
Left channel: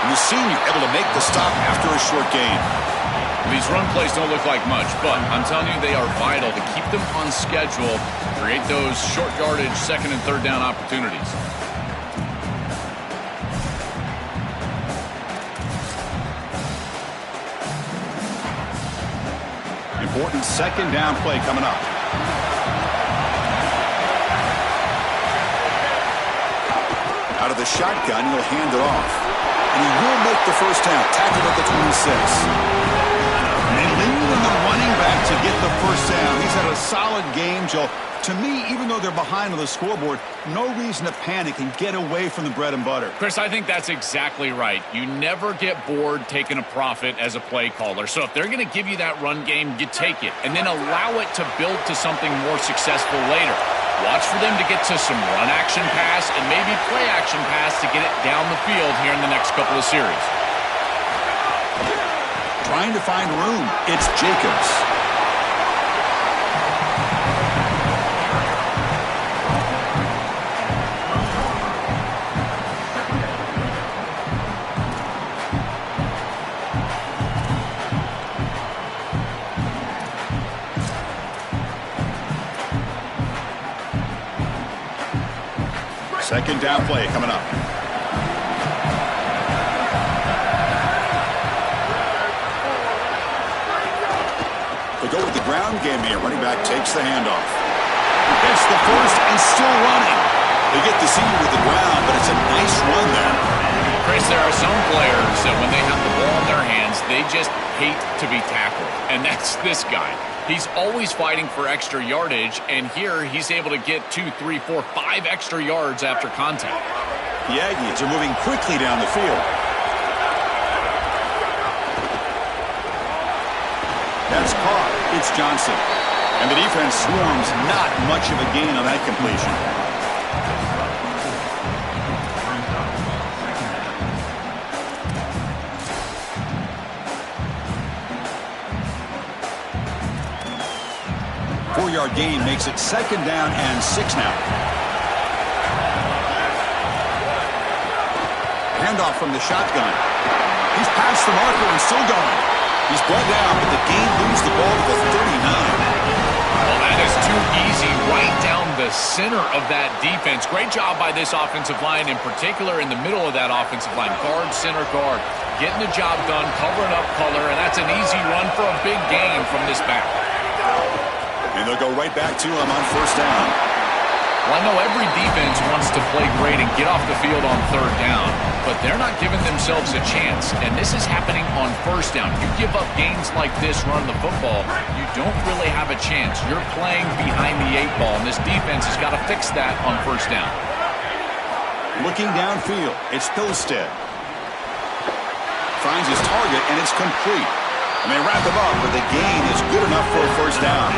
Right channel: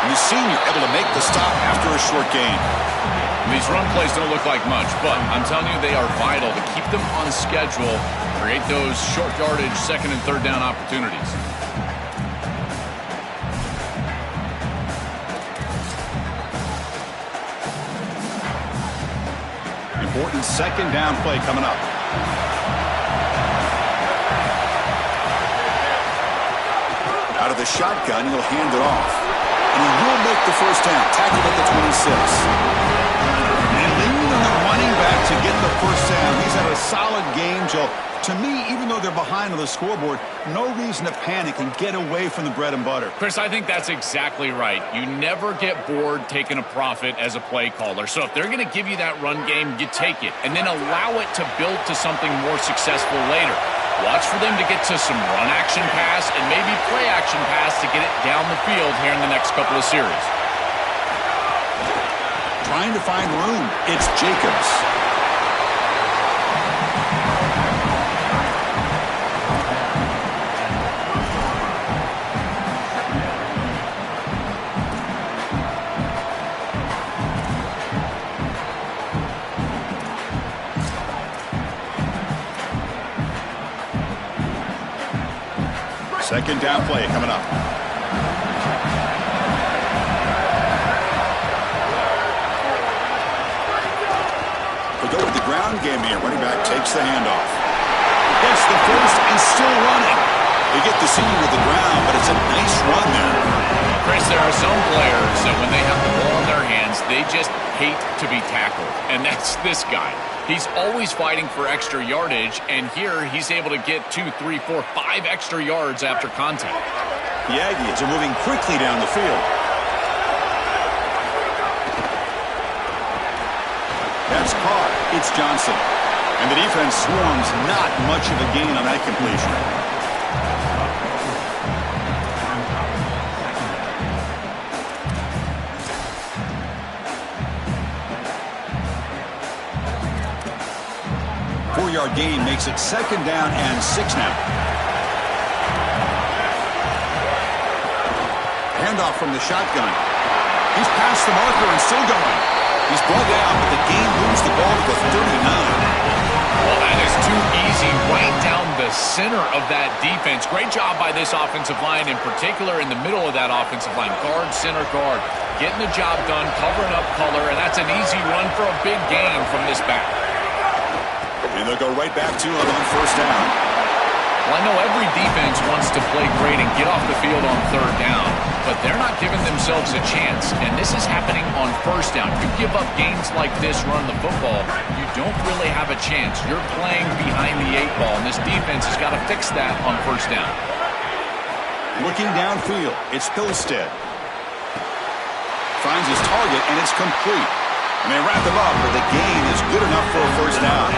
And the senior able to make the stop after a short gain. These run plays don't look like much, but I'm telling you they are vital to keep them on schedule, create those short yardage second and third down opportunities. Important second down play coming up. Out of the shotgun, he'll hand it off. And he will make the first down. Tackled at the 26. And they lean on the running back to get the first down. He's had a solid game, Joe. To me, even though they're behind on the scoreboard, no reason to panic and get away from the bread and butter. Chris, I think that's exactly right. You never get bored taking a profit as a play caller. So if they're going to give you that run game, you take it. And then allow it to build to something more successful later. Watch for them to get to some run action pass and maybe play action pass to get it down the field here in the next couple of series. Trying to find room. It's Jacobs. Second down play coming up. They go with the ground game here. Running back takes the handoff. Gets the first and still running. They get the senior with the ground, but it's a nice run there. Chris, there are some players that when they have the ball in their hands, they just hate to be tackled. And that's this guy. He's always fighting for extra yardage, and here he's able to get 2, 3, 4, 5 extra yards after contact. The Aggies are moving quickly down the field. That's caught. It's Johnson. And the defense swarms. Not much of a gain on that completion. Four-yard gain makes it second down and 6 now. Handoff from the shotgun. He's past the marker and still going. He's brought down, but the gain moves the ball to the 39. Well, that is too easy right down the center of that defense. Great job by this offensive line, in particular in the middle of that offensive line. Guard, center, guard. Getting the job done, covering up color, and that's an easy run for a big gain from this back. And they'll go right back to him on first down. Well, I know every defense wants to play great and get off the field on third down, but they're not giving themselves a chance, and this is happening on first down. You give up gains like this running the football, you don't really have a chance. You're playing behind the 8 ball, and this defense has got to fix that on first down. Looking downfield, it's Hillstead. Finds his target, and it's complete. And they wrap him up, but the gain is good enough for a first down.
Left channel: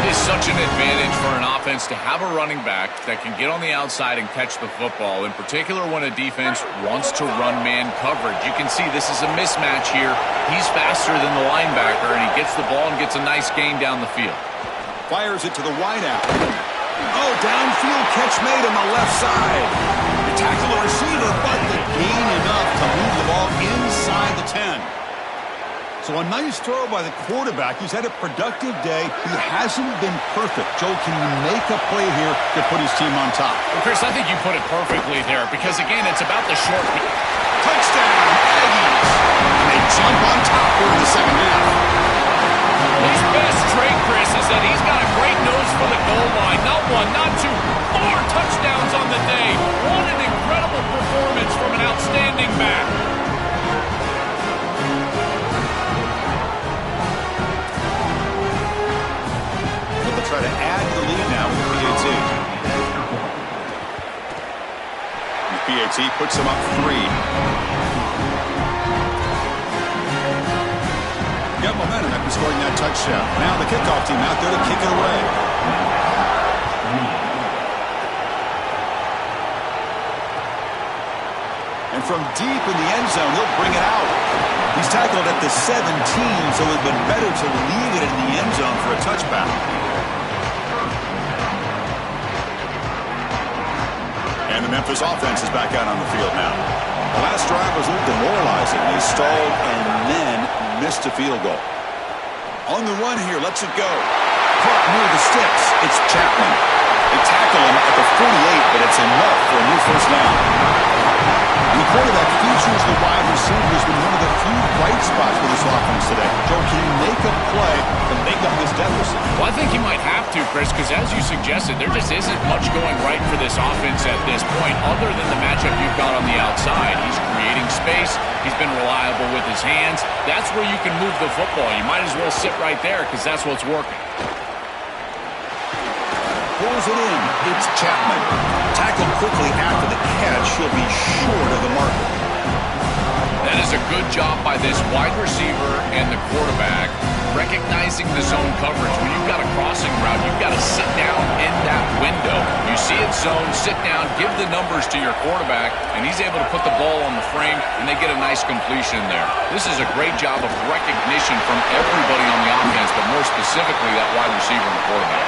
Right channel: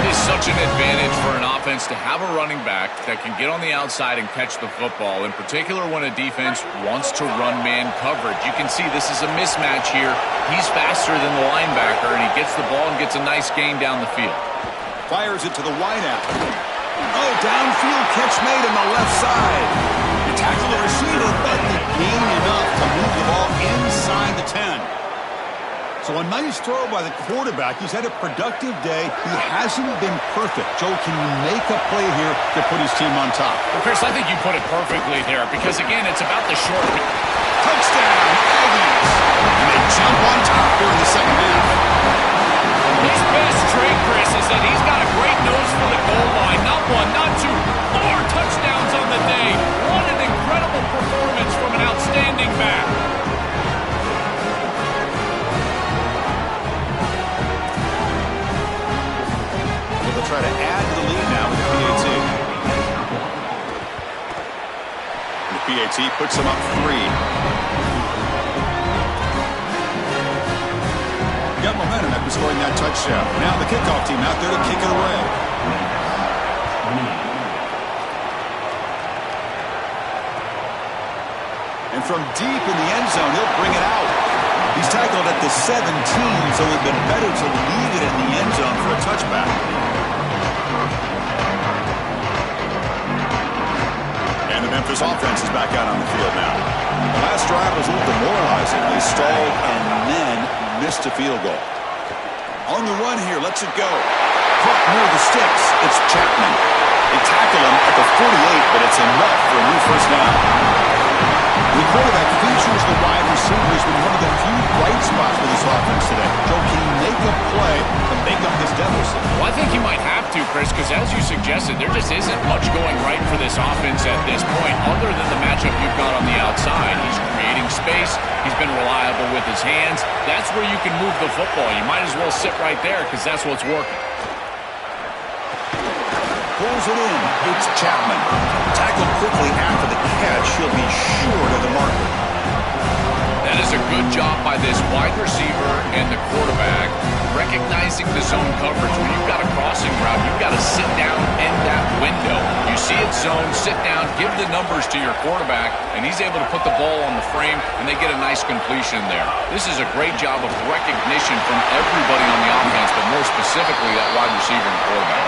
It is such an advantage for an offense to have a running back that can get on the outside and catch the football, in particular when a defense wants to run man coverage. You can see this is a mismatch here. He's faster than the linebacker, and he gets the ball and gets a nice gain down the field. Fires it to the wideout. Oh, downfield catch made on the left side. You tackle the receiver, but the gain enough to move the ball inside the 10. So a nice throw by the quarterback. He's had a productive day. He hasn't been perfect. Joe, can you make a play here to put his team on top? Well, Chris, I think you put it perfectly there because, again, it's about the short. Touchdown, Aggies! And they jump on top here in the second half. His best trait, Chris, is that he's got a great nose for the goal line. Not 1, not 2, 4 touchdowns on the day. What an incredible performance from an outstanding back. They'll try to add to the lead now with the PAT. And the PAT puts them up 3. Got momentum after scoring that touchdown. Now the kickoff team out there to kick it away. And from deep in the end zone, he'll bring it out. He's tackled at the 17, so it would have been better to leave it in the end zone for a touchback. And the Memphis offense is back out on the field now. The last drive was a little demoralizing. They stalled and then missed a field goal. On the run here, lets it go. Caught near the sticks. It's Chapman. They tackle him at the 48, but it's enough for a new first down. The quarterback features the wide receiver has been one of the few bright spots for this offense today. Joe, can he make a play to make up this deficit? Well, I think he might have to, Chris, because as you suggested, there just isn't much going right for this offense at this point other than the matchup you've got on the outside. He's creating space. He's been reliable with his hands. That's where you can move the football. You might as well sit right there because that's what's working. Pulls it in. It's Chapman. Tackled quickly after the catch. He'll be short of the marker. That is a good job by this wide receiver and the quarterback recognizing the zone coverage. When you've got a crossing route, you've got to sit down in that window. You see it zone, sit down, give the numbers to your quarterback, and he's able to put the ball on the frame, and they get a nice completion there. This is a great job of recognition from everybody on the offense, but more specifically that wide receiver and quarterback.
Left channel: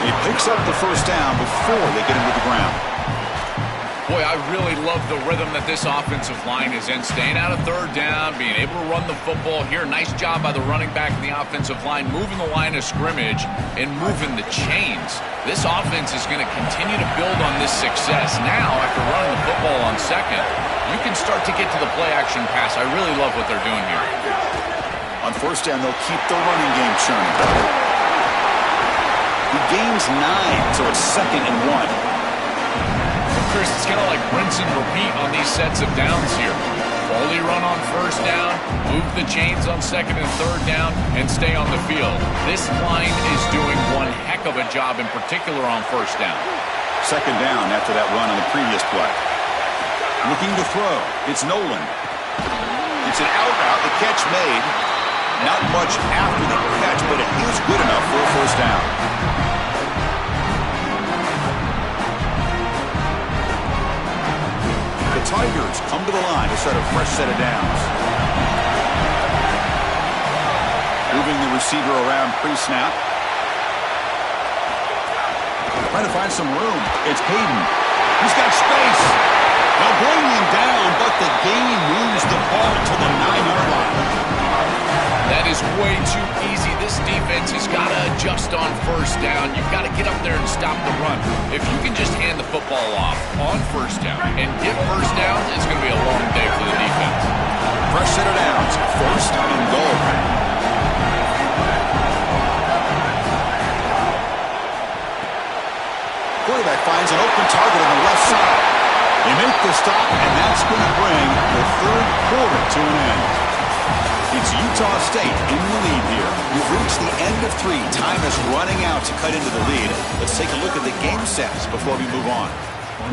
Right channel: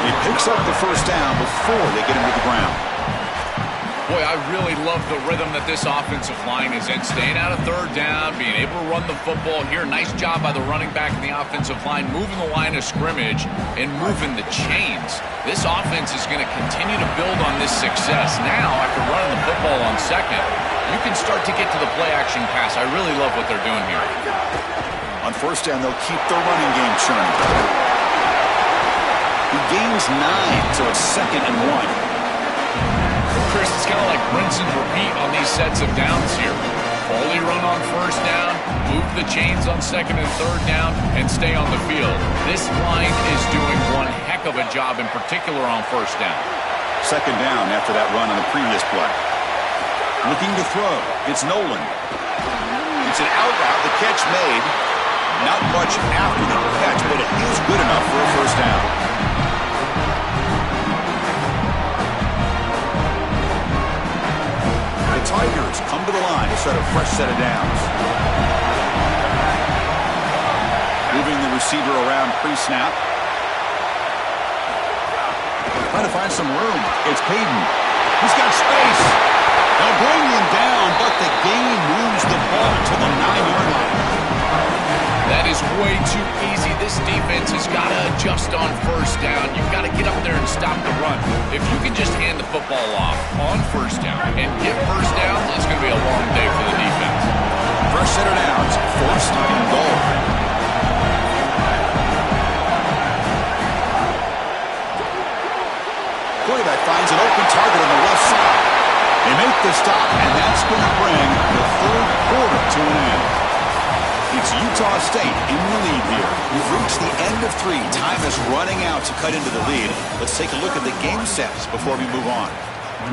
He picks up the first down before they get him to the ground. Boy, I really love the rhythm that this offensive line is in. Staying out of third down, being able to run the football here. Nice job by the running back and the offensive line, moving the line of scrimmage and moving the chains. This offense is going to continue to build on this success. Now, after running the football on second, you can start to get to the play-action pass. I really love what they're doing here. On first down, they'll keep the running game churning. He gains 9, so it's 2nd and 1. Chris, it's kind of like rinse and repeat on these sets of downs here. Quality run on first down, move the chains on second and third down, and stay on the field. This line is doing one heck of a job, in particular on first down. 2nd down after that run on the previous play. Looking to throw. It's Nolan. It's an out route. The catch made. Not much after the catch, but it is good enough for a first down. The Tigers come to the line to start a fresh set of downs. Moving the receiver around pre-snap. Trying to find some room. It's Payton. He's got space. They'll bring him down, but the gain moves the ball to the 9-yard line. That is way too easy. This defense has got to adjust on first down. You've got to get up there and stop the run. If you can just hand the football off on first down and get first downs, it's going to be a long day for the defense. Fresh set of downs. 1st and goal. Quarterback finds an open target on the left side. They make the stop, and that's going to bring the 3rd quarter to an end. It's Utah State in the lead here. We've reached the end of 3. Time is running out to cut into the lead. Let's take a look at the game sets before we move on.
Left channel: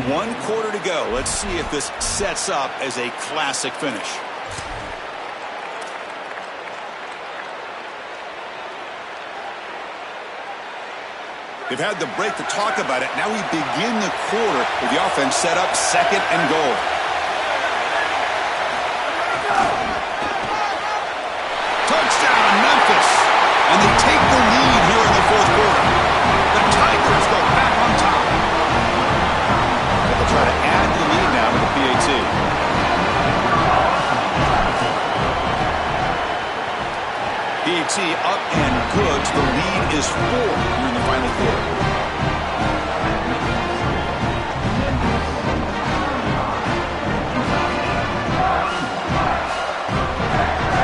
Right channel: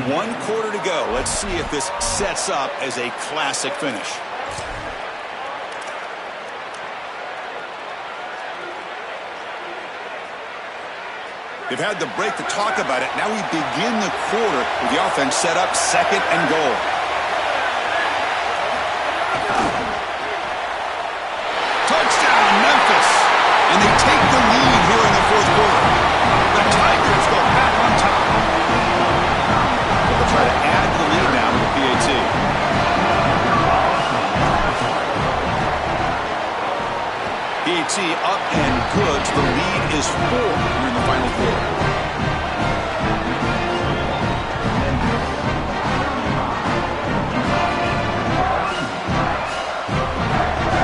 1 quarter to go. Let's see if this sets up as a classic finish. They've had the break to talk about it. Now we begin the quarter with the offense set up 2nd and goal. Touchdown, Memphis. And they take the lead here in the 4th quarter. The Tigers go back on top. But they'll try to add to the lead now with the PAT. PAT up and good. The lead is 4 here in the final quarter.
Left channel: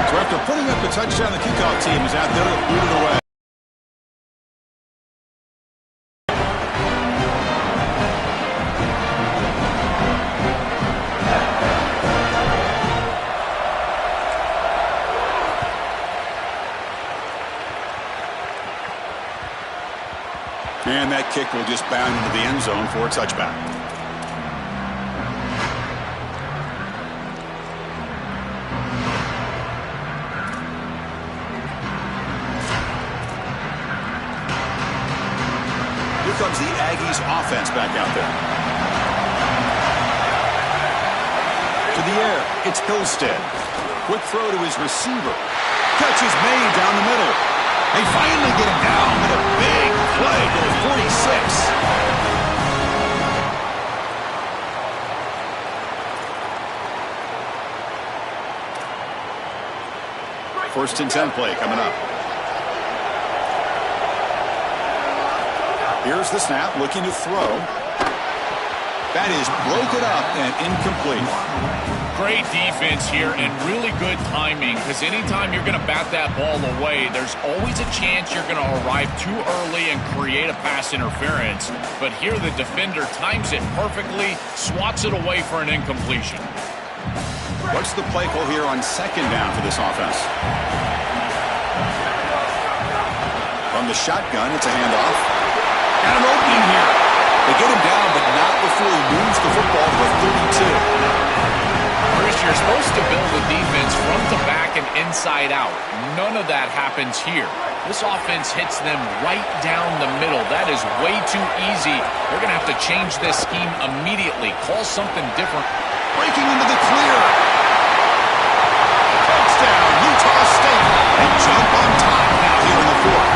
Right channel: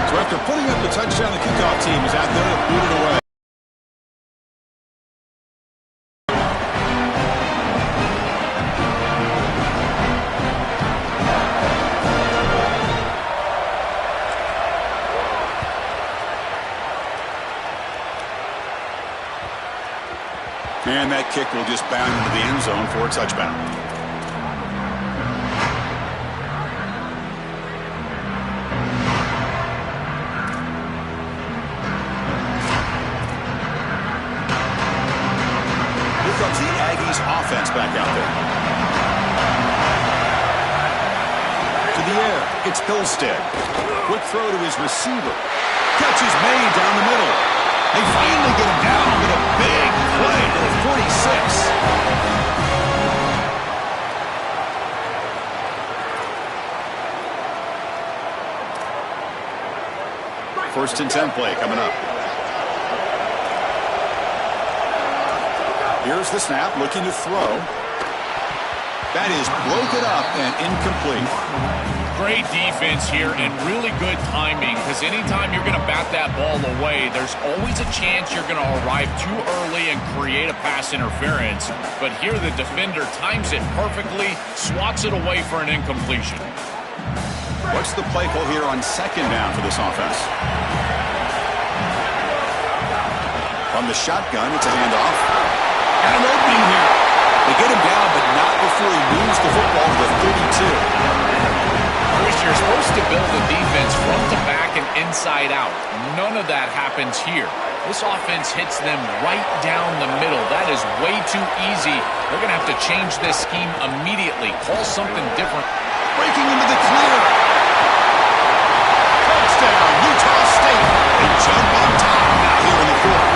So after putting up the touchdown, the kickoff team is out there to boot it away. And that kick will just bound into the end zone for a touchback. Here comes the Aggies offense back out there. To the air, it's Hillstead. Quick throw to his receiver. Catch is made down the middle. They finally get him down with a big play to the 46. First and 10 play coming up. Here's the snap, looking to throw. That is broken up and incomplete. Great defense here and really good timing, because anytime you're going to bat that ball away, there's always a chance you're going to arrive too early and create a pass interference. But here the defender times it perfectly, swats it away for an incompletion. What's the play call here on 2nd down for this offense? From the shotgun, it's a handoff. And an opening here. They get him down, but not before he moves the football to the 32. Chris, you're supposed to build a defense front to back and inside out. None of that happens here. This offense hits them right down the middle. That is way too easy. They're going to have to change this scheme immediately. Call something different. Breaking into the clear. Touchdown, Utah State. They jump on top now here in the 4th.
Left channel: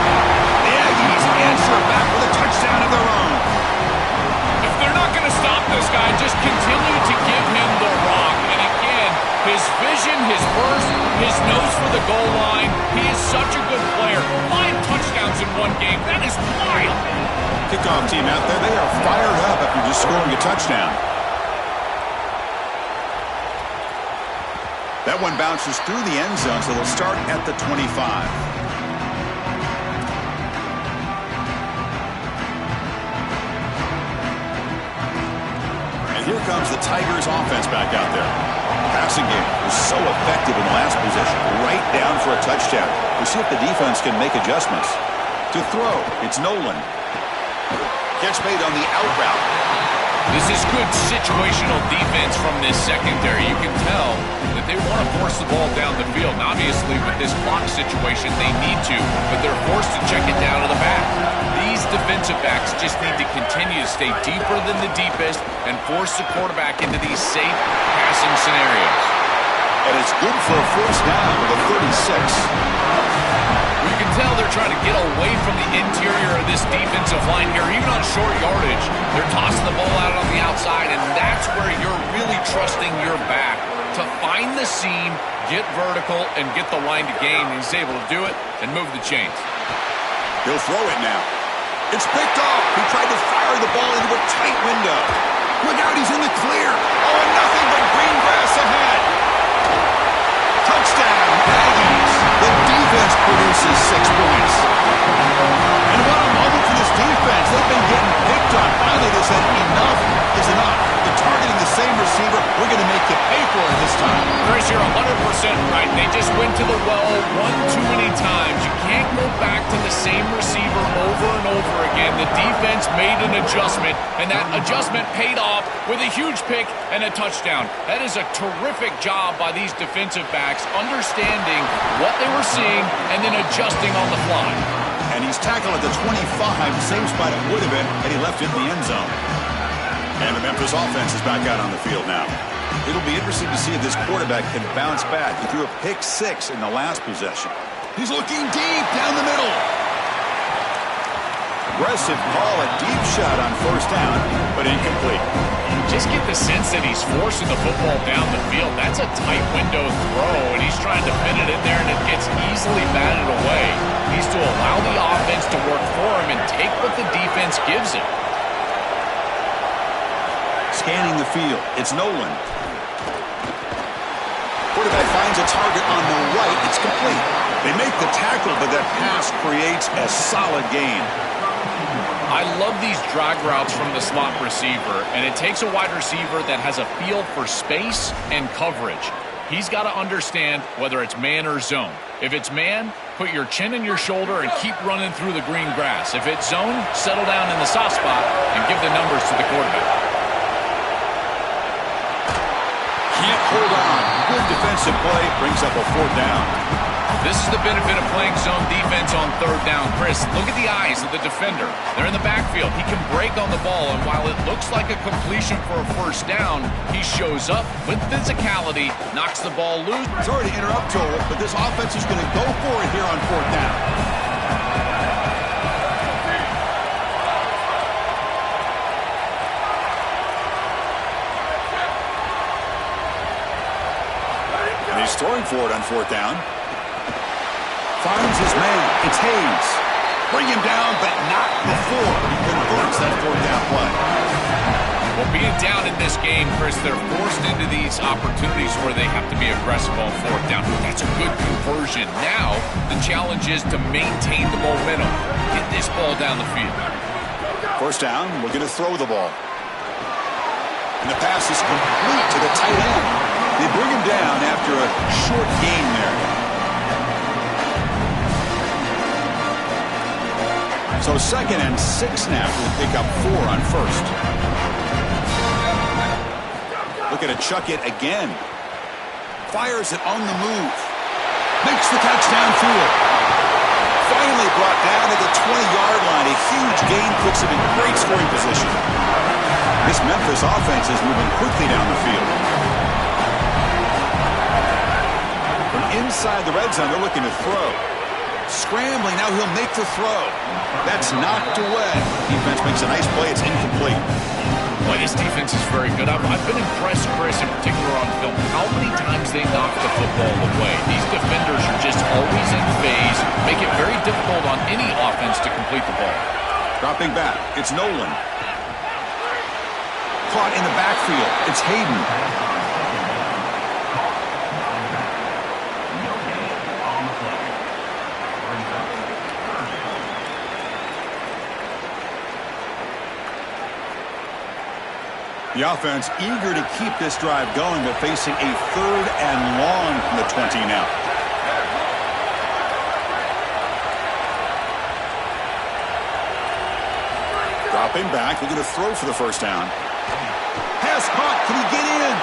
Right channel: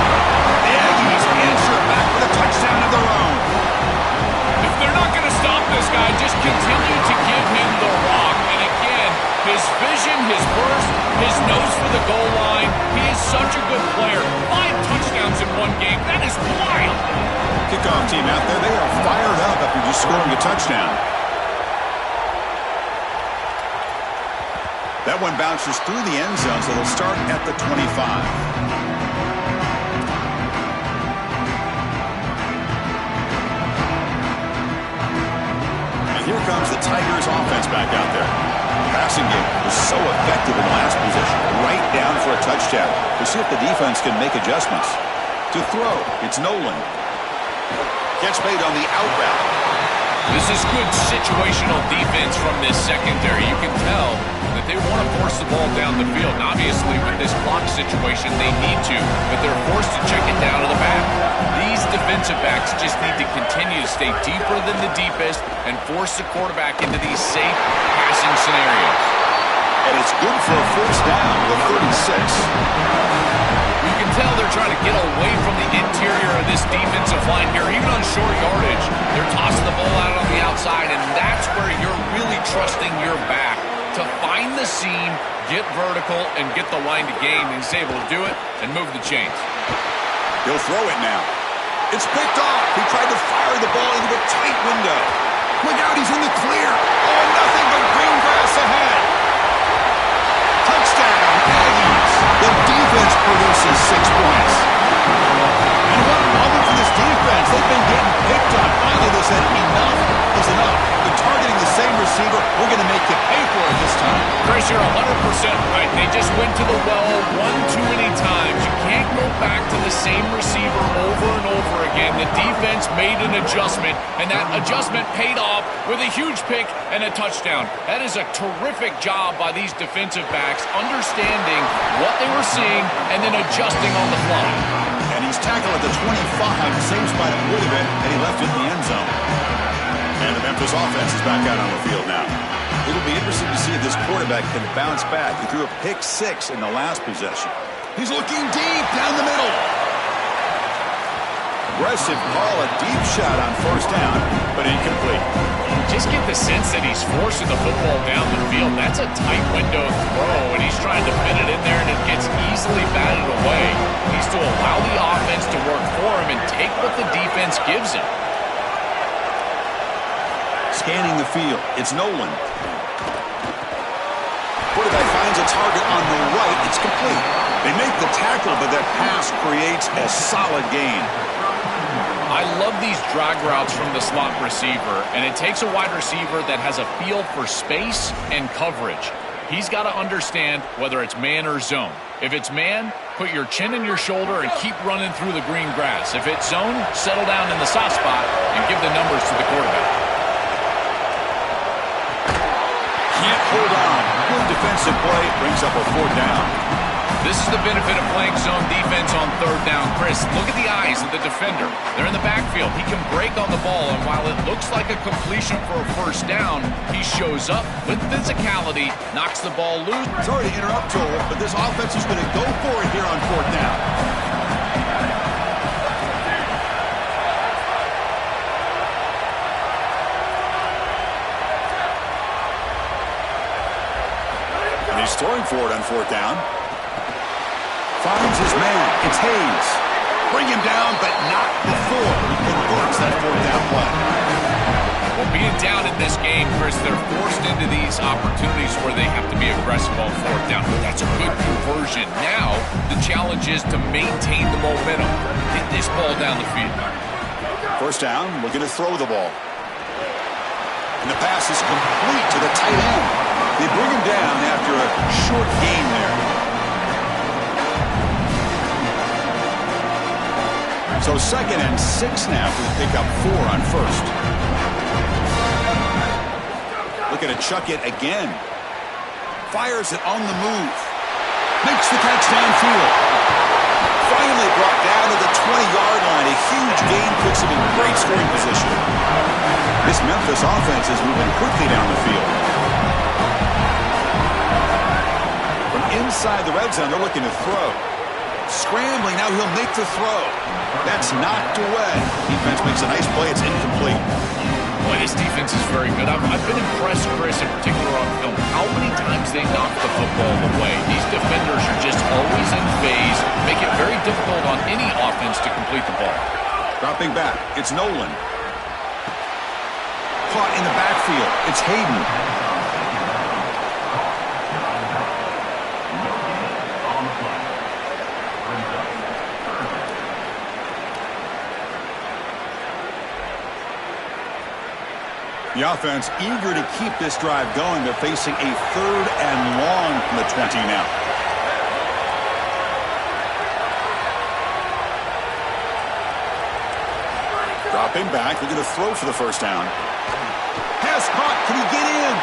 The Aggies answer back with a touchdown of their own. If they're not going to to stop this guy. Just continue to give him the rock. And again, his vision, his burst, his nose for the goal line. He is such a good player. 5 touchdowns in one game. That is wild. Kickoff team out there, they are fired up after just scoring a touchdown. That one bounces through the end zone, so they'll start at the 25. Here comes the Tigers offense back out there. The passing game was so effective in the last possession, right down for a touchdown. We'll see if the defense can make adjustments. To throw, it's Nolan. Catch made on the out route. This is good situational defense from this secondary. You can tell that they want to force the ball down the field. And obviously, with this clock situation, they need to, but they're forced to check it down to the back. These defensive backs just need to continue to stay deeper than the deepest and force the quarterback into these safe passing scenarios. And it's good for a first down with a 36. You can tell they're trying to get away from the interior of this defensive line here, even on short yardage. They're tossing the ball out on the outside, and that's where you're really trusting your back to find the seam, get vertical, and get the line to gain. And he's able to do it and move the chains. He'll throw it now. It's picked off. He tried to fire the ball into a tight window. Look out, he's in the clear. Oh, and nothing but green grass ahead. Touchdown, Aggies. The defense produces 6 points. And what a moment for this defense. They've been getting picked on. Finally, they said enough is enough. They're targeting the same receiver. We're going to make you pay for it this time. Chris, you're 100% right. They just went to the well one too many times. You can't go back to the same receiver over and over again. The defense made an adjustment, and that adjustment paid off with a huge pick and a touchdown. That is a terrific job by these defensive backs, understanding what they were seeing and then adjusting on the fly. And he's tackled at the 25, same spot it would have been, and he left it in the end zone. And the Memphis offense is back out on the field now. It'll be interesting to see if this quarterback can bounce back. He threw a pick 6 in the last possession. He's looking deep down the middle. Aggressive call, a deep shot on first down, but incomplete. Just get the sense that he's forcing the football down the field. That's a tight window throw, and he's trying to fit it in there, and it gets easily batted away. He needs to allow the offense to work for him and take what the defense gives him. Scanning the field, it's Nolan. Quarterback finds a target on the right. It's complete. They make the tackle, but that pass creates a solid gain. I love these drag routes from the slot receiver, and it takes a wide receiver that has a feel for space and coverage. He's got to understand whether it's man or zone. If it's man, put your chin in your shoulder and keep running through the green grass. If it's zone, settle down in the soft spot and give the numbers to the quarterback. Can't hold on. Good defensive play. Brings up a 4th down. This is the benefit of playing zone defense on 3rd down. Chris, look at the eyes of the defender. They're in the backfield. He can break on the ball, and while it looks like a completion for a first down, he shows up with physicality, knocks the ball loose. Sorry to interrupt, Joel, but this offense is going to go for it here on 4th down. And he's throwing for it on 4th down. Finds his man. It's Hayes. Bring him down, but not before he converts that 4th down play. Well, being down in this game, Chris, they're forced into these opportunities where they have to be aggressive on 4th down. That's a good conversion. Now, the challenge is to maintain the momentum. Get this ball down the field. First down, looking to throw the ball. And the pass is complete to the tight end. They bring him down after a short gain there. So 2nd and 6 now for the pickup 4 on 1st. Looking to chuck it again. Fires it on the move. Makes the catch downfield. Finally brought down to the 20-yard line. A huge gain puts him in great scoring position. This Memphis offense is moving quickly down the field. From inside the red zone, they're looking to throw. Scrambling, now he'll make the throw. That's knocked away. Defense makes a nice play. It's incomplete. Boy, this defense is very good. I've been impressed, Chris, in particular on film, how many times they knock the football away. These defenders are just always in phase, make it very difficult on any offense to complete the ball. Dropping back, it's Nolan. Caught in the backfield, it's Hayden. No gain on the play. Brings up third down. The offense eager to keep this drive going, but facing a 3rd and long from the 20 now. Dropping back, looking to throw for the first down. Pass caught, can he get in?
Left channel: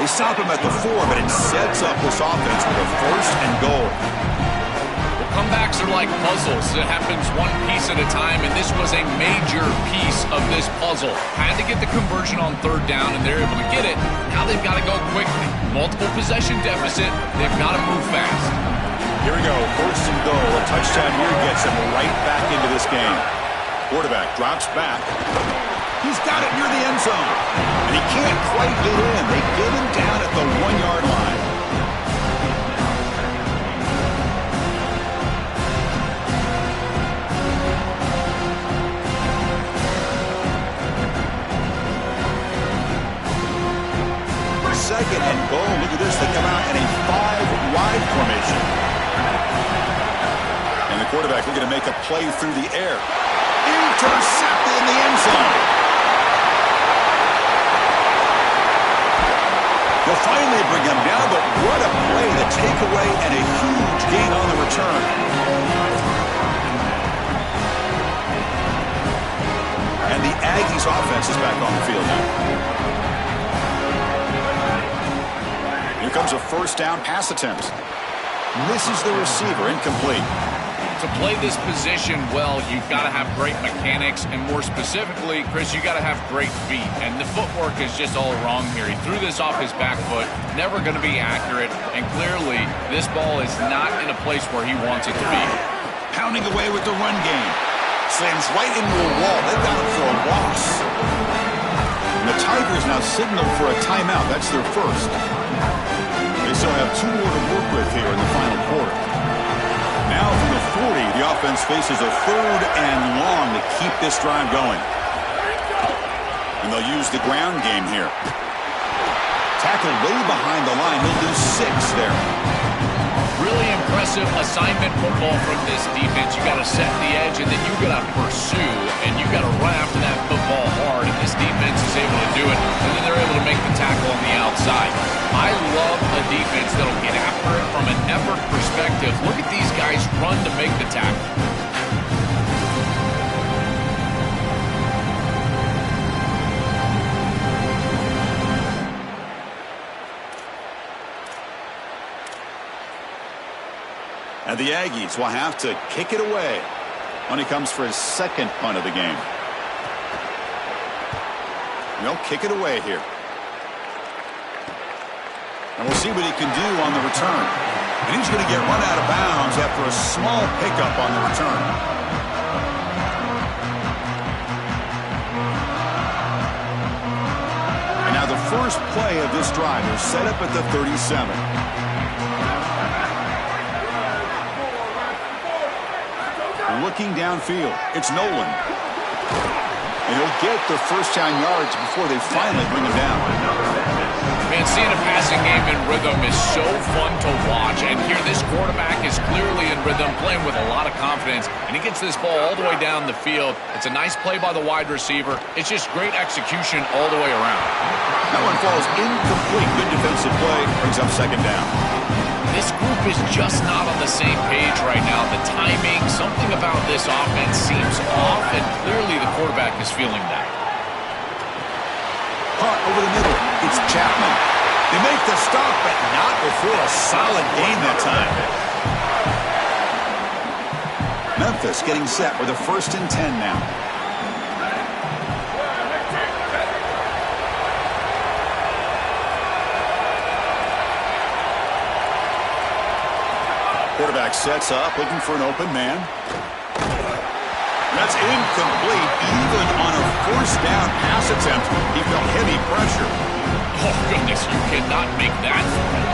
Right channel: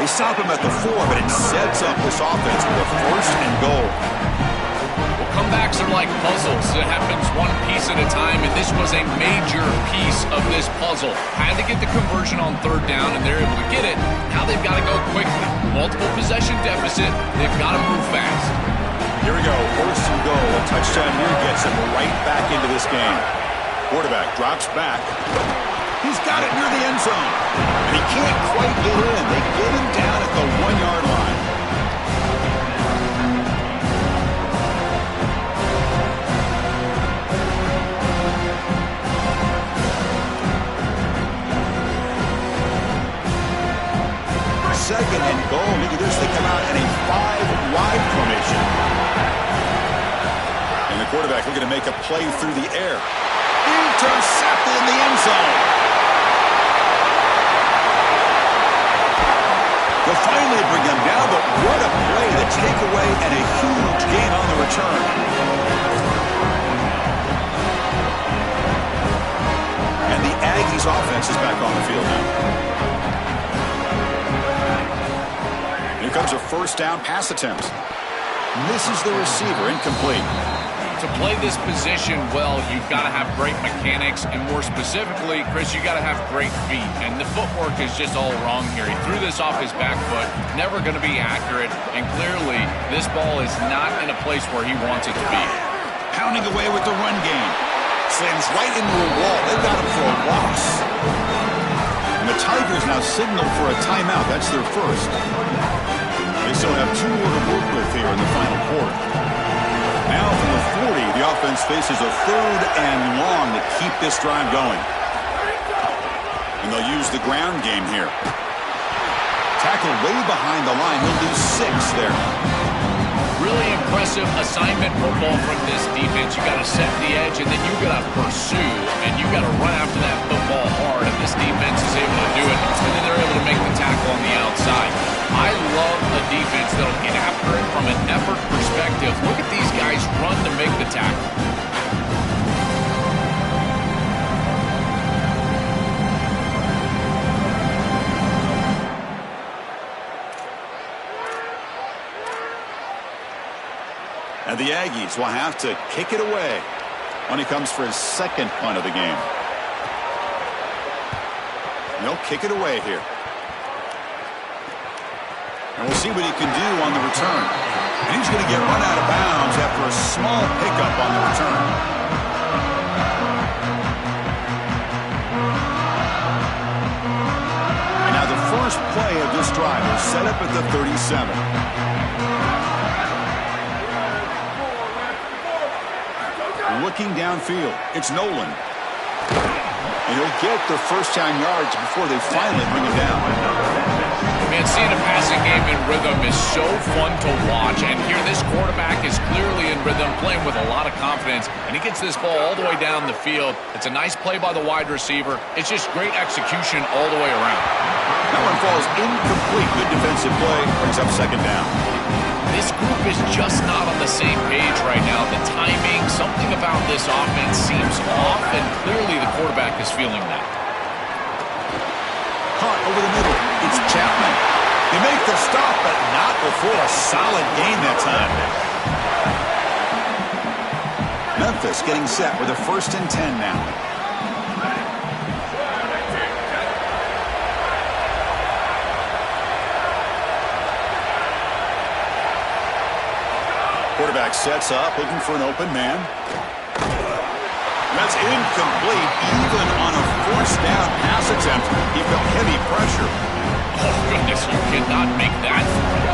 They stop him at the 4, but it sets up this offense with a 1st and goal. Well, comebacks are like puzzles. It happens one piece at a time, and this was a major piece of this puzzle. Had to get the conversion on 3rd down, and they're able to get it. Now they've got to go quickly. Multiple possession deficit. They've got to move fast. Here we go, 1st and goal. A touchdown here gets them right back into this game. Quarterback drops back. He's got it near the end zone. And he can't quite get in. They get him down at the 1-yard line. Second and goal. Look at this. They come out in a 5-wide formation. And the quarterback looking to make a play through the air. Intercepted in the end zone. They'll finally bring him down, but what a play. The takeaway and a huge gain on the return. And the Aggies offense is back on the field now. Here comes a 1st down pass attempt. Misses the receiver, incomplete. To play this position well, you've got to have great mechanics, and more specifically, Chris, you got to have great feet. And the footwork is just all wrong here. He threw this off his back foot, never going to be accurate, and clearly this ball is not in a place where he wants it to be. Pounding away with the run game. Slams right into a wall. They've got him for a loss. And the Tigers now signal for a timeout. That's their first. They still have 2 more to work with here in the final quarter. Now from the 40, the offense faces a 3rd and long to keep this drive going. And they'll use the ground game here. Tackled way behind the line. He'll lose 6 there. Really impressive assignment football from this defense. You got to set the edge, and then you got to pursue, and you got to run after that football hard, and this defense is able to do it, and then they're able to make the tackle on the outside. I love a defense that'll get after it from an effort perspective. Look at these guys run to make the tackle. And the Aggies will have to kick it away when he comes for his 2nd punt of the game. And they'll kick it away here. And we'll see what he can do on the return. And he's going to get run out of bounds after a small pickup on the return. And now the first play of this drive is set up at the 37. Looking downfield, it's Nolan. And he'll get the 1st down yards before they finally bring him down. Man, seeing a passing game in rhythm is so fun to watch. And here this quarterback is clearly in rhythm, playing with a lot of confidence. And he gets this ball all the way down the field. It's a nice play by the wide receiver. It's just great execution all the way around. That one falls incomplete. Good defensive play. Brings up 2nd down. This group is just not on the same page right now. The timing, something about this offense seems off, and clearly the quarterback is feeling that. Caught over the middle. It's Chapman. They make the stop, but not before a solid gain that time. Memphis getting set with a 1st and 10 now. Quarterback sets up, looking for an open man. That's incomplete. Even on a forced down pass attempt, he felt heavy pressure. Oh, goodness, you cannot make that throw.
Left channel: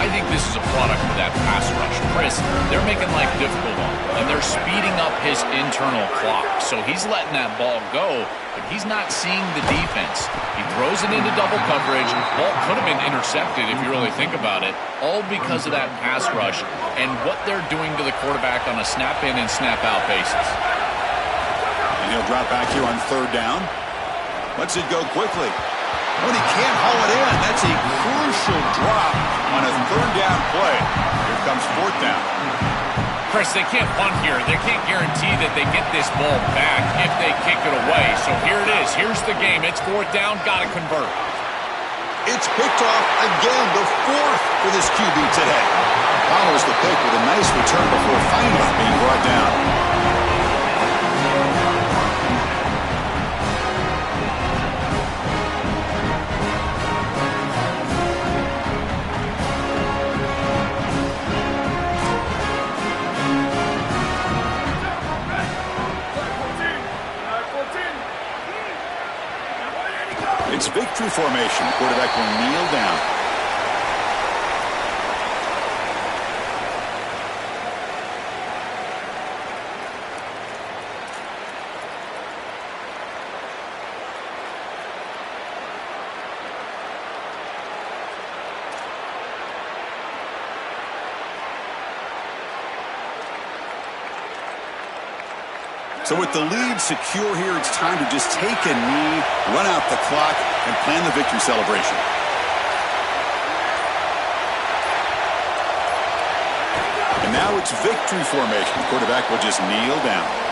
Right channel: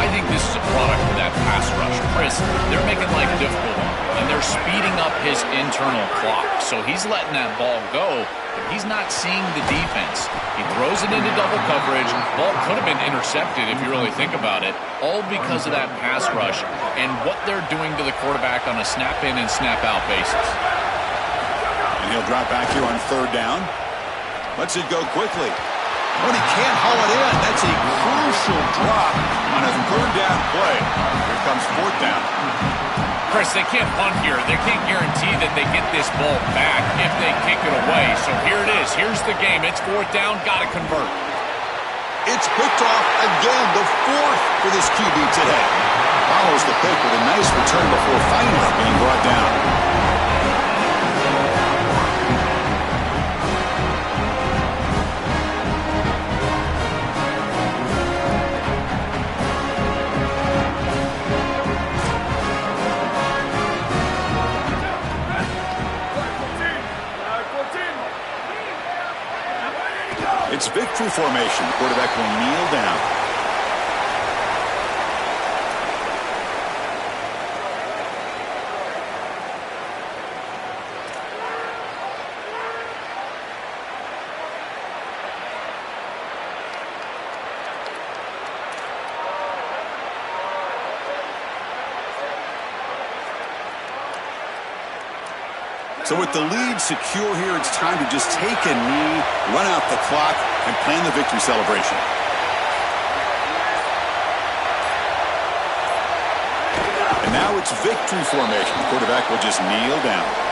I think this is a product of that pass rush. Chris, they're making life difficult on him, and they're speeding up his internal clock. So he's letting that ball go, but he's not seeing the defense. He throws it into double coverage. Ball could have been intercepted if you really think about it, all because of that pass rush and what they're doing to the quarterback on a snap-in and snap-out basis. And he'll drop back here on third down. Lets it go quickly. But he can't haul it in. That's a crucial drop on a third down play. Here comes fourth down. Chris, they can't punt here. They can't guarantee that they get this ball back if they kick it away. So here it is. Here's the game. It's fourth down. Got to convert. It's picked off again, the fourth for this QB today. Follows the pick with a nice return before finally being brought down. It's victory formation. The quarterback will kneel down. So with the lead secure here, it's time to just take a knee, run out the clock, and plan the victory celebration. And now it's victory formation. The quarterback will just kneel down.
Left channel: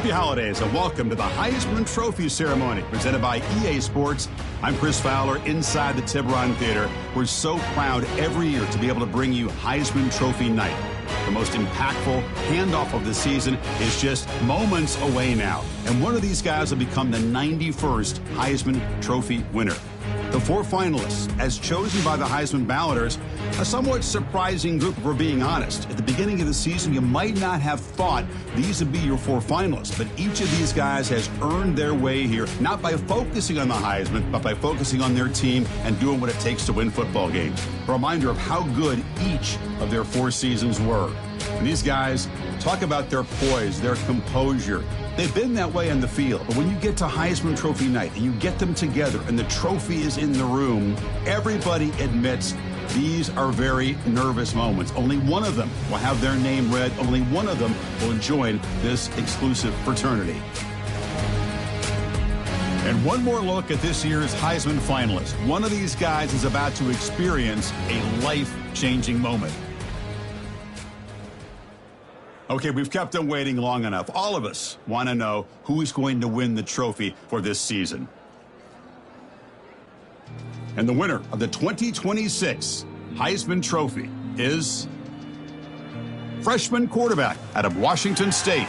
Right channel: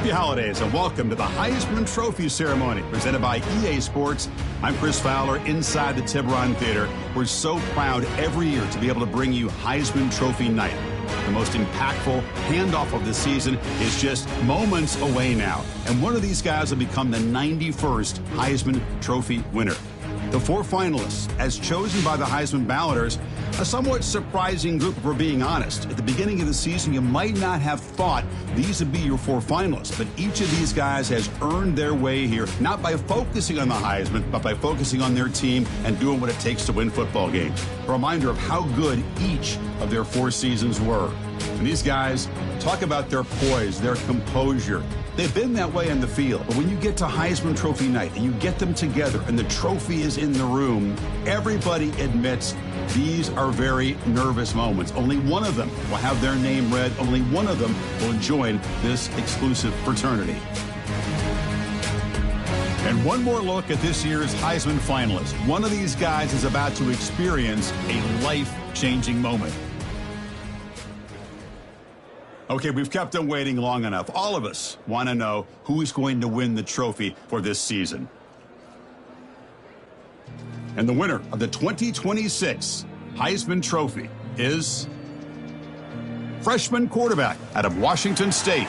Happy holidays and welcome to the Heisman Trophy ceremony presented by EA Sports. I'm Chris Fowler inside the Tiburon Theater. We're so proud every year to be able to bring you Heisman Trophy night. The most impactful handoff of the season is just moments away now. And one of these guys will become the 91st Heisman Trophy winner. The 4 finalists, as chosen by the Heisman balloters, a somewhat surprising group if we're being honest. At the beginning of the season, you might not have thought these would be your 4 finalists, but each of these guys has earned their way here, not by focusing on the Heisman, but by focusing on their team and doing what it takes to win football games. A reminder of how good each of their 4 seasons were. And these guys talk about their poise, their composure. They've been that way on the field, but when you get to Heisman Trophy night and you get them together and the trophy is in the room, everybody admits these are very nervous moments. Only one of them will have their name read. Only one of them will join this exclusive fraternity. And one more look at this year's Heisman finalists. One of these guys is about to experience a life-changing moment. Okay, we've kept them waiting long enough. All of us want to know who is going to win the trophy for this season. And the winner of the 2026 Heisman Trophy is freshman quarterback out of Washington State.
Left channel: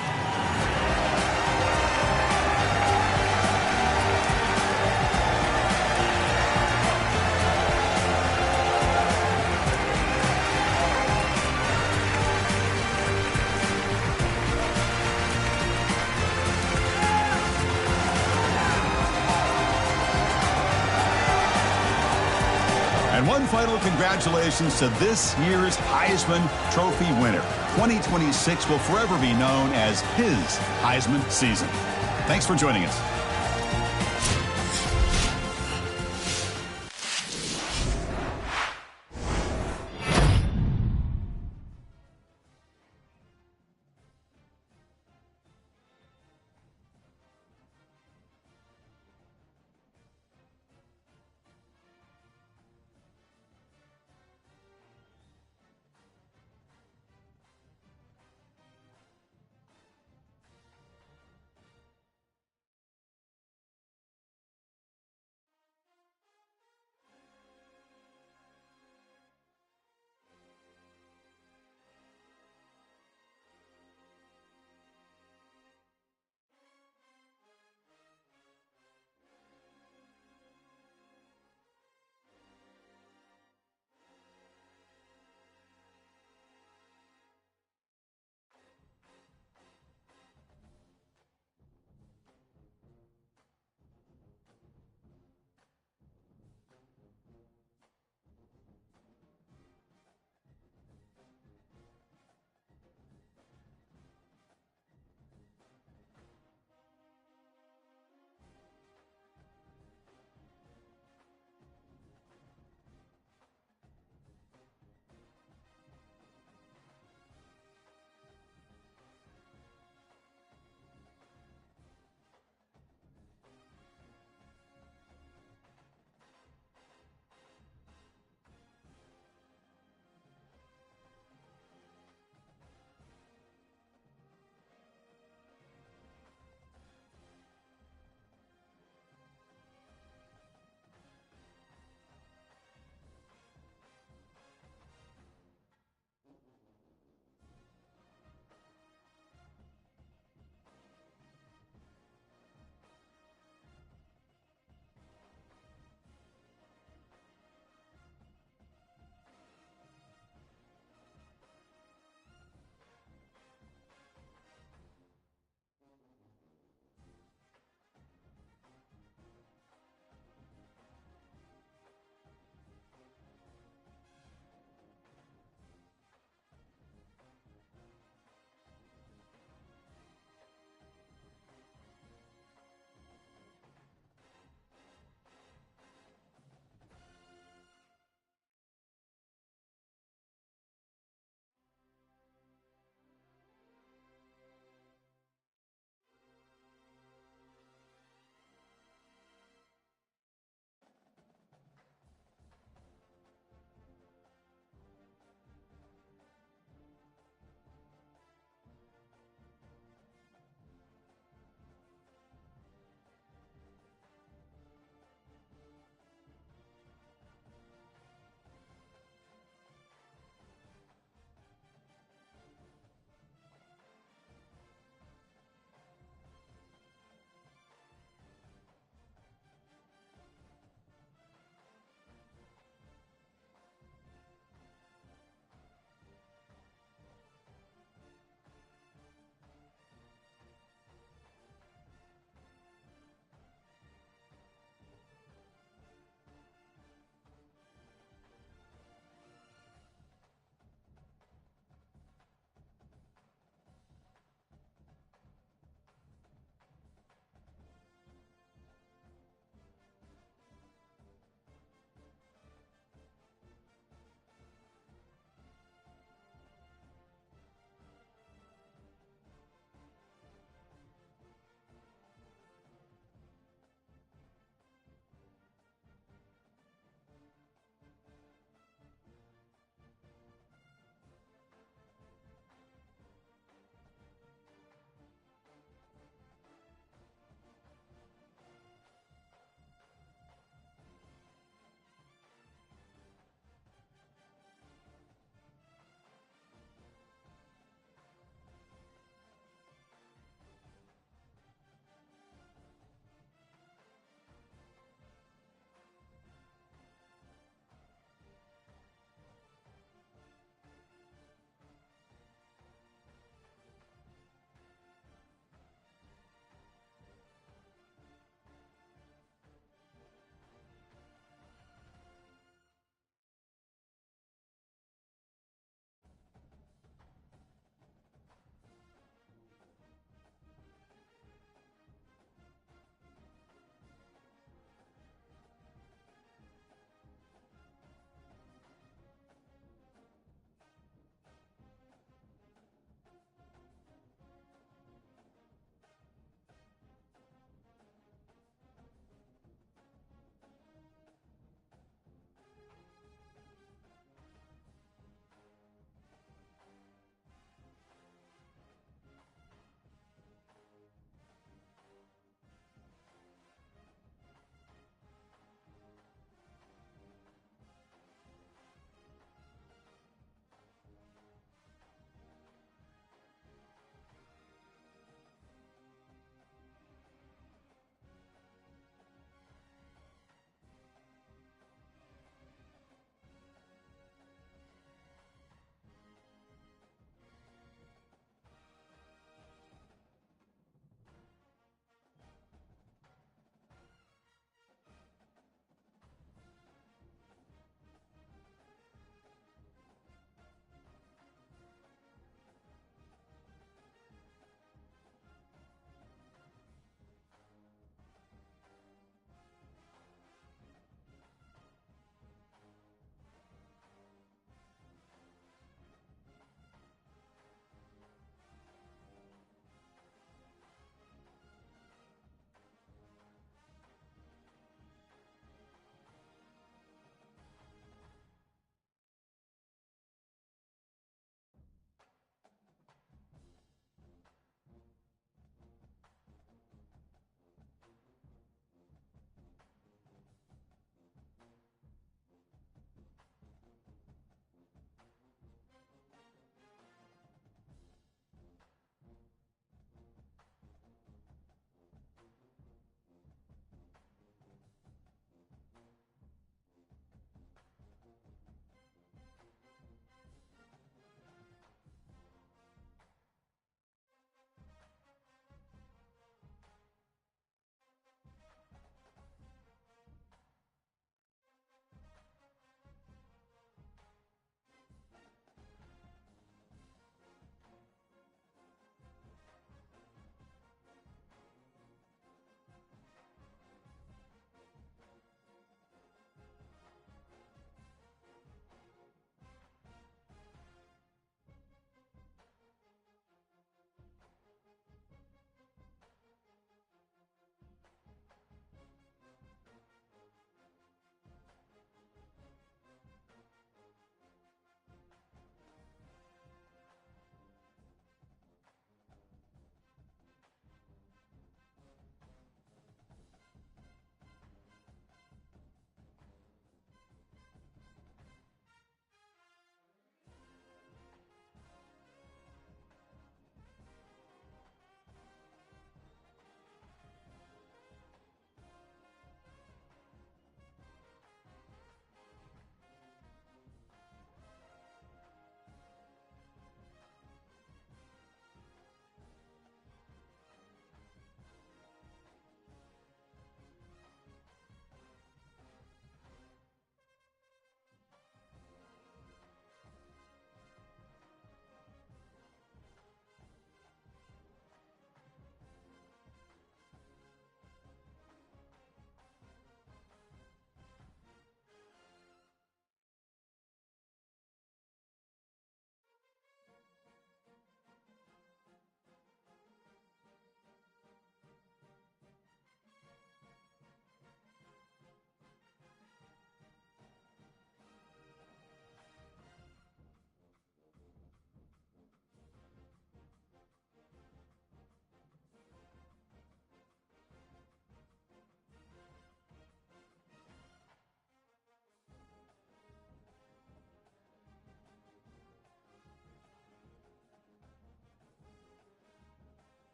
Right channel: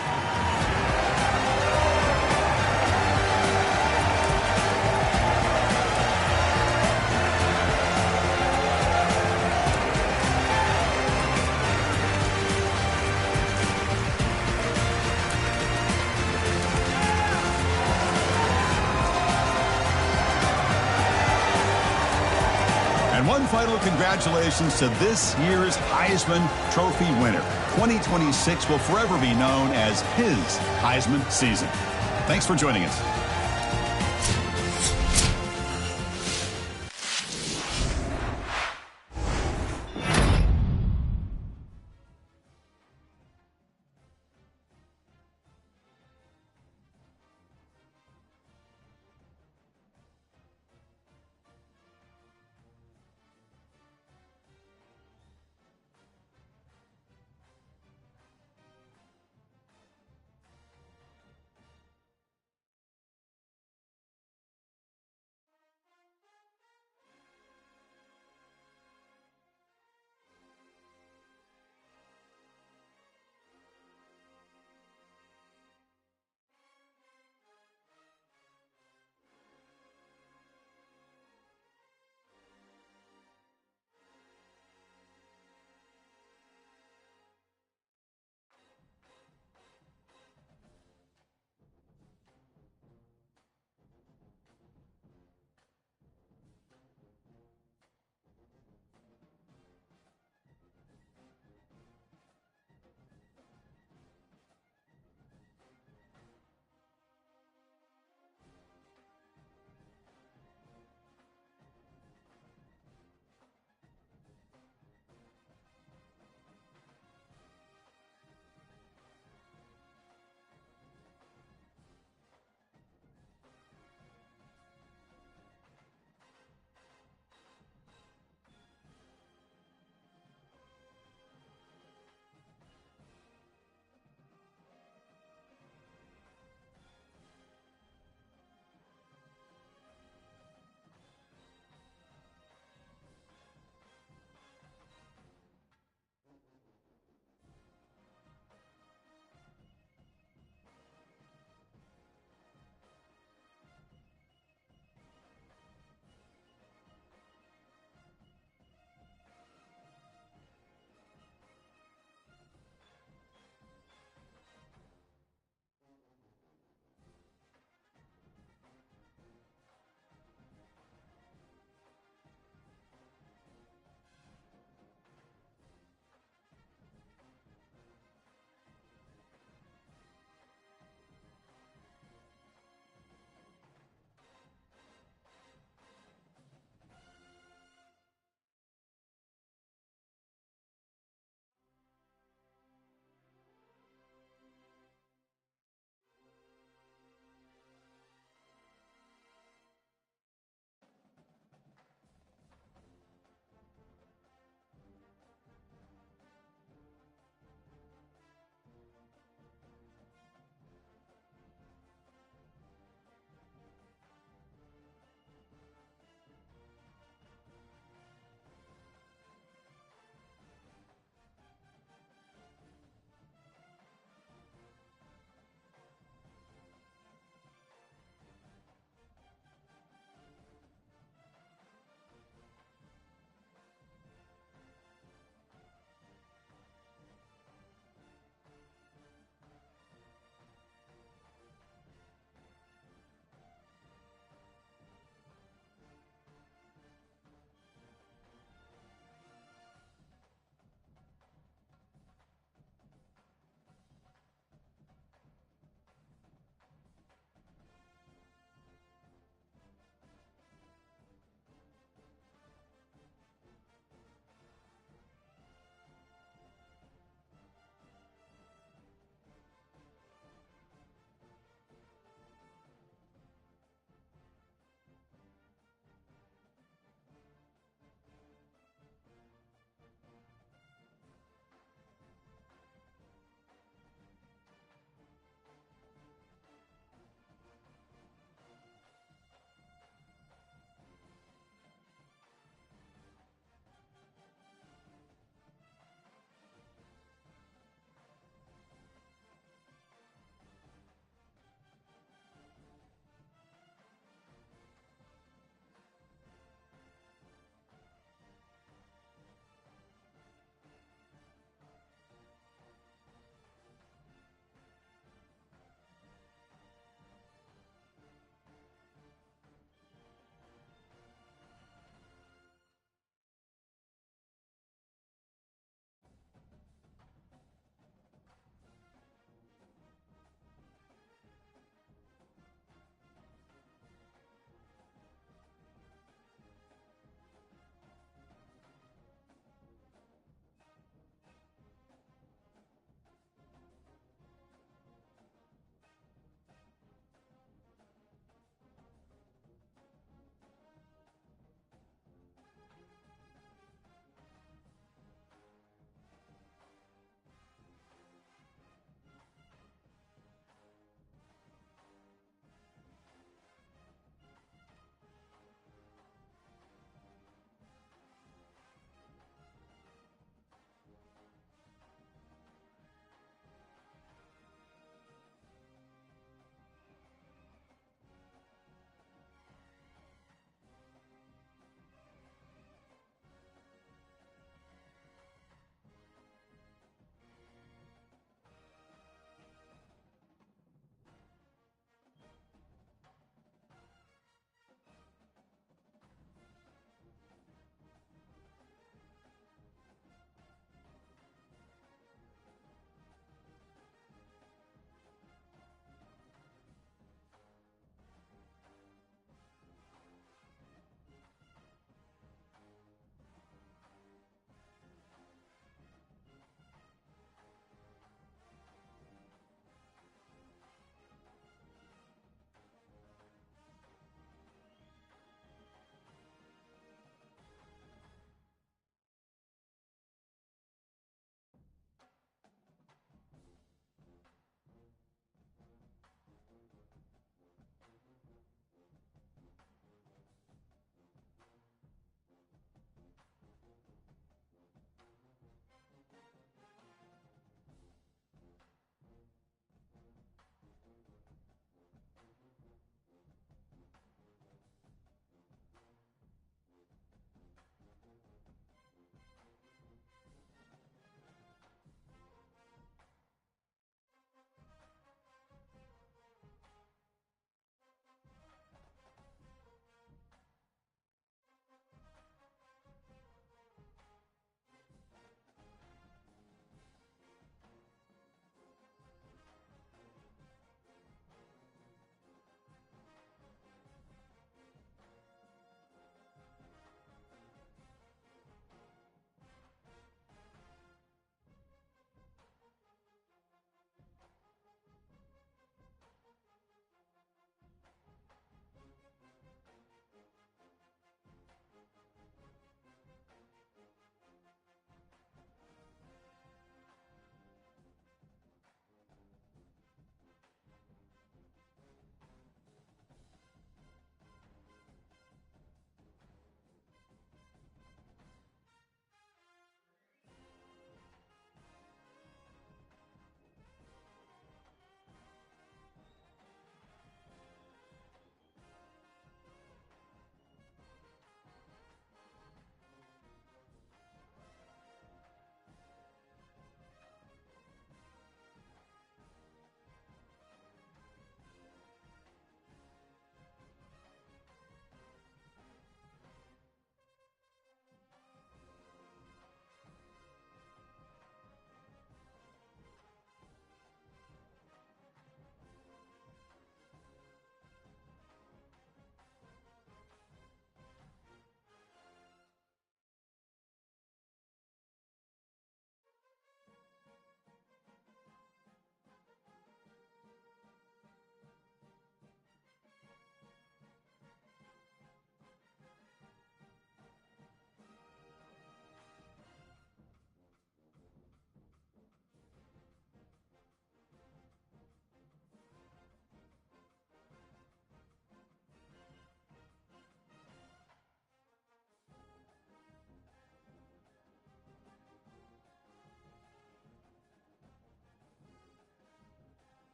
And one final congratulations to this year's Heisman Trophy winner. 2026 will forever be known as his Heisman season. Thanks for joining us.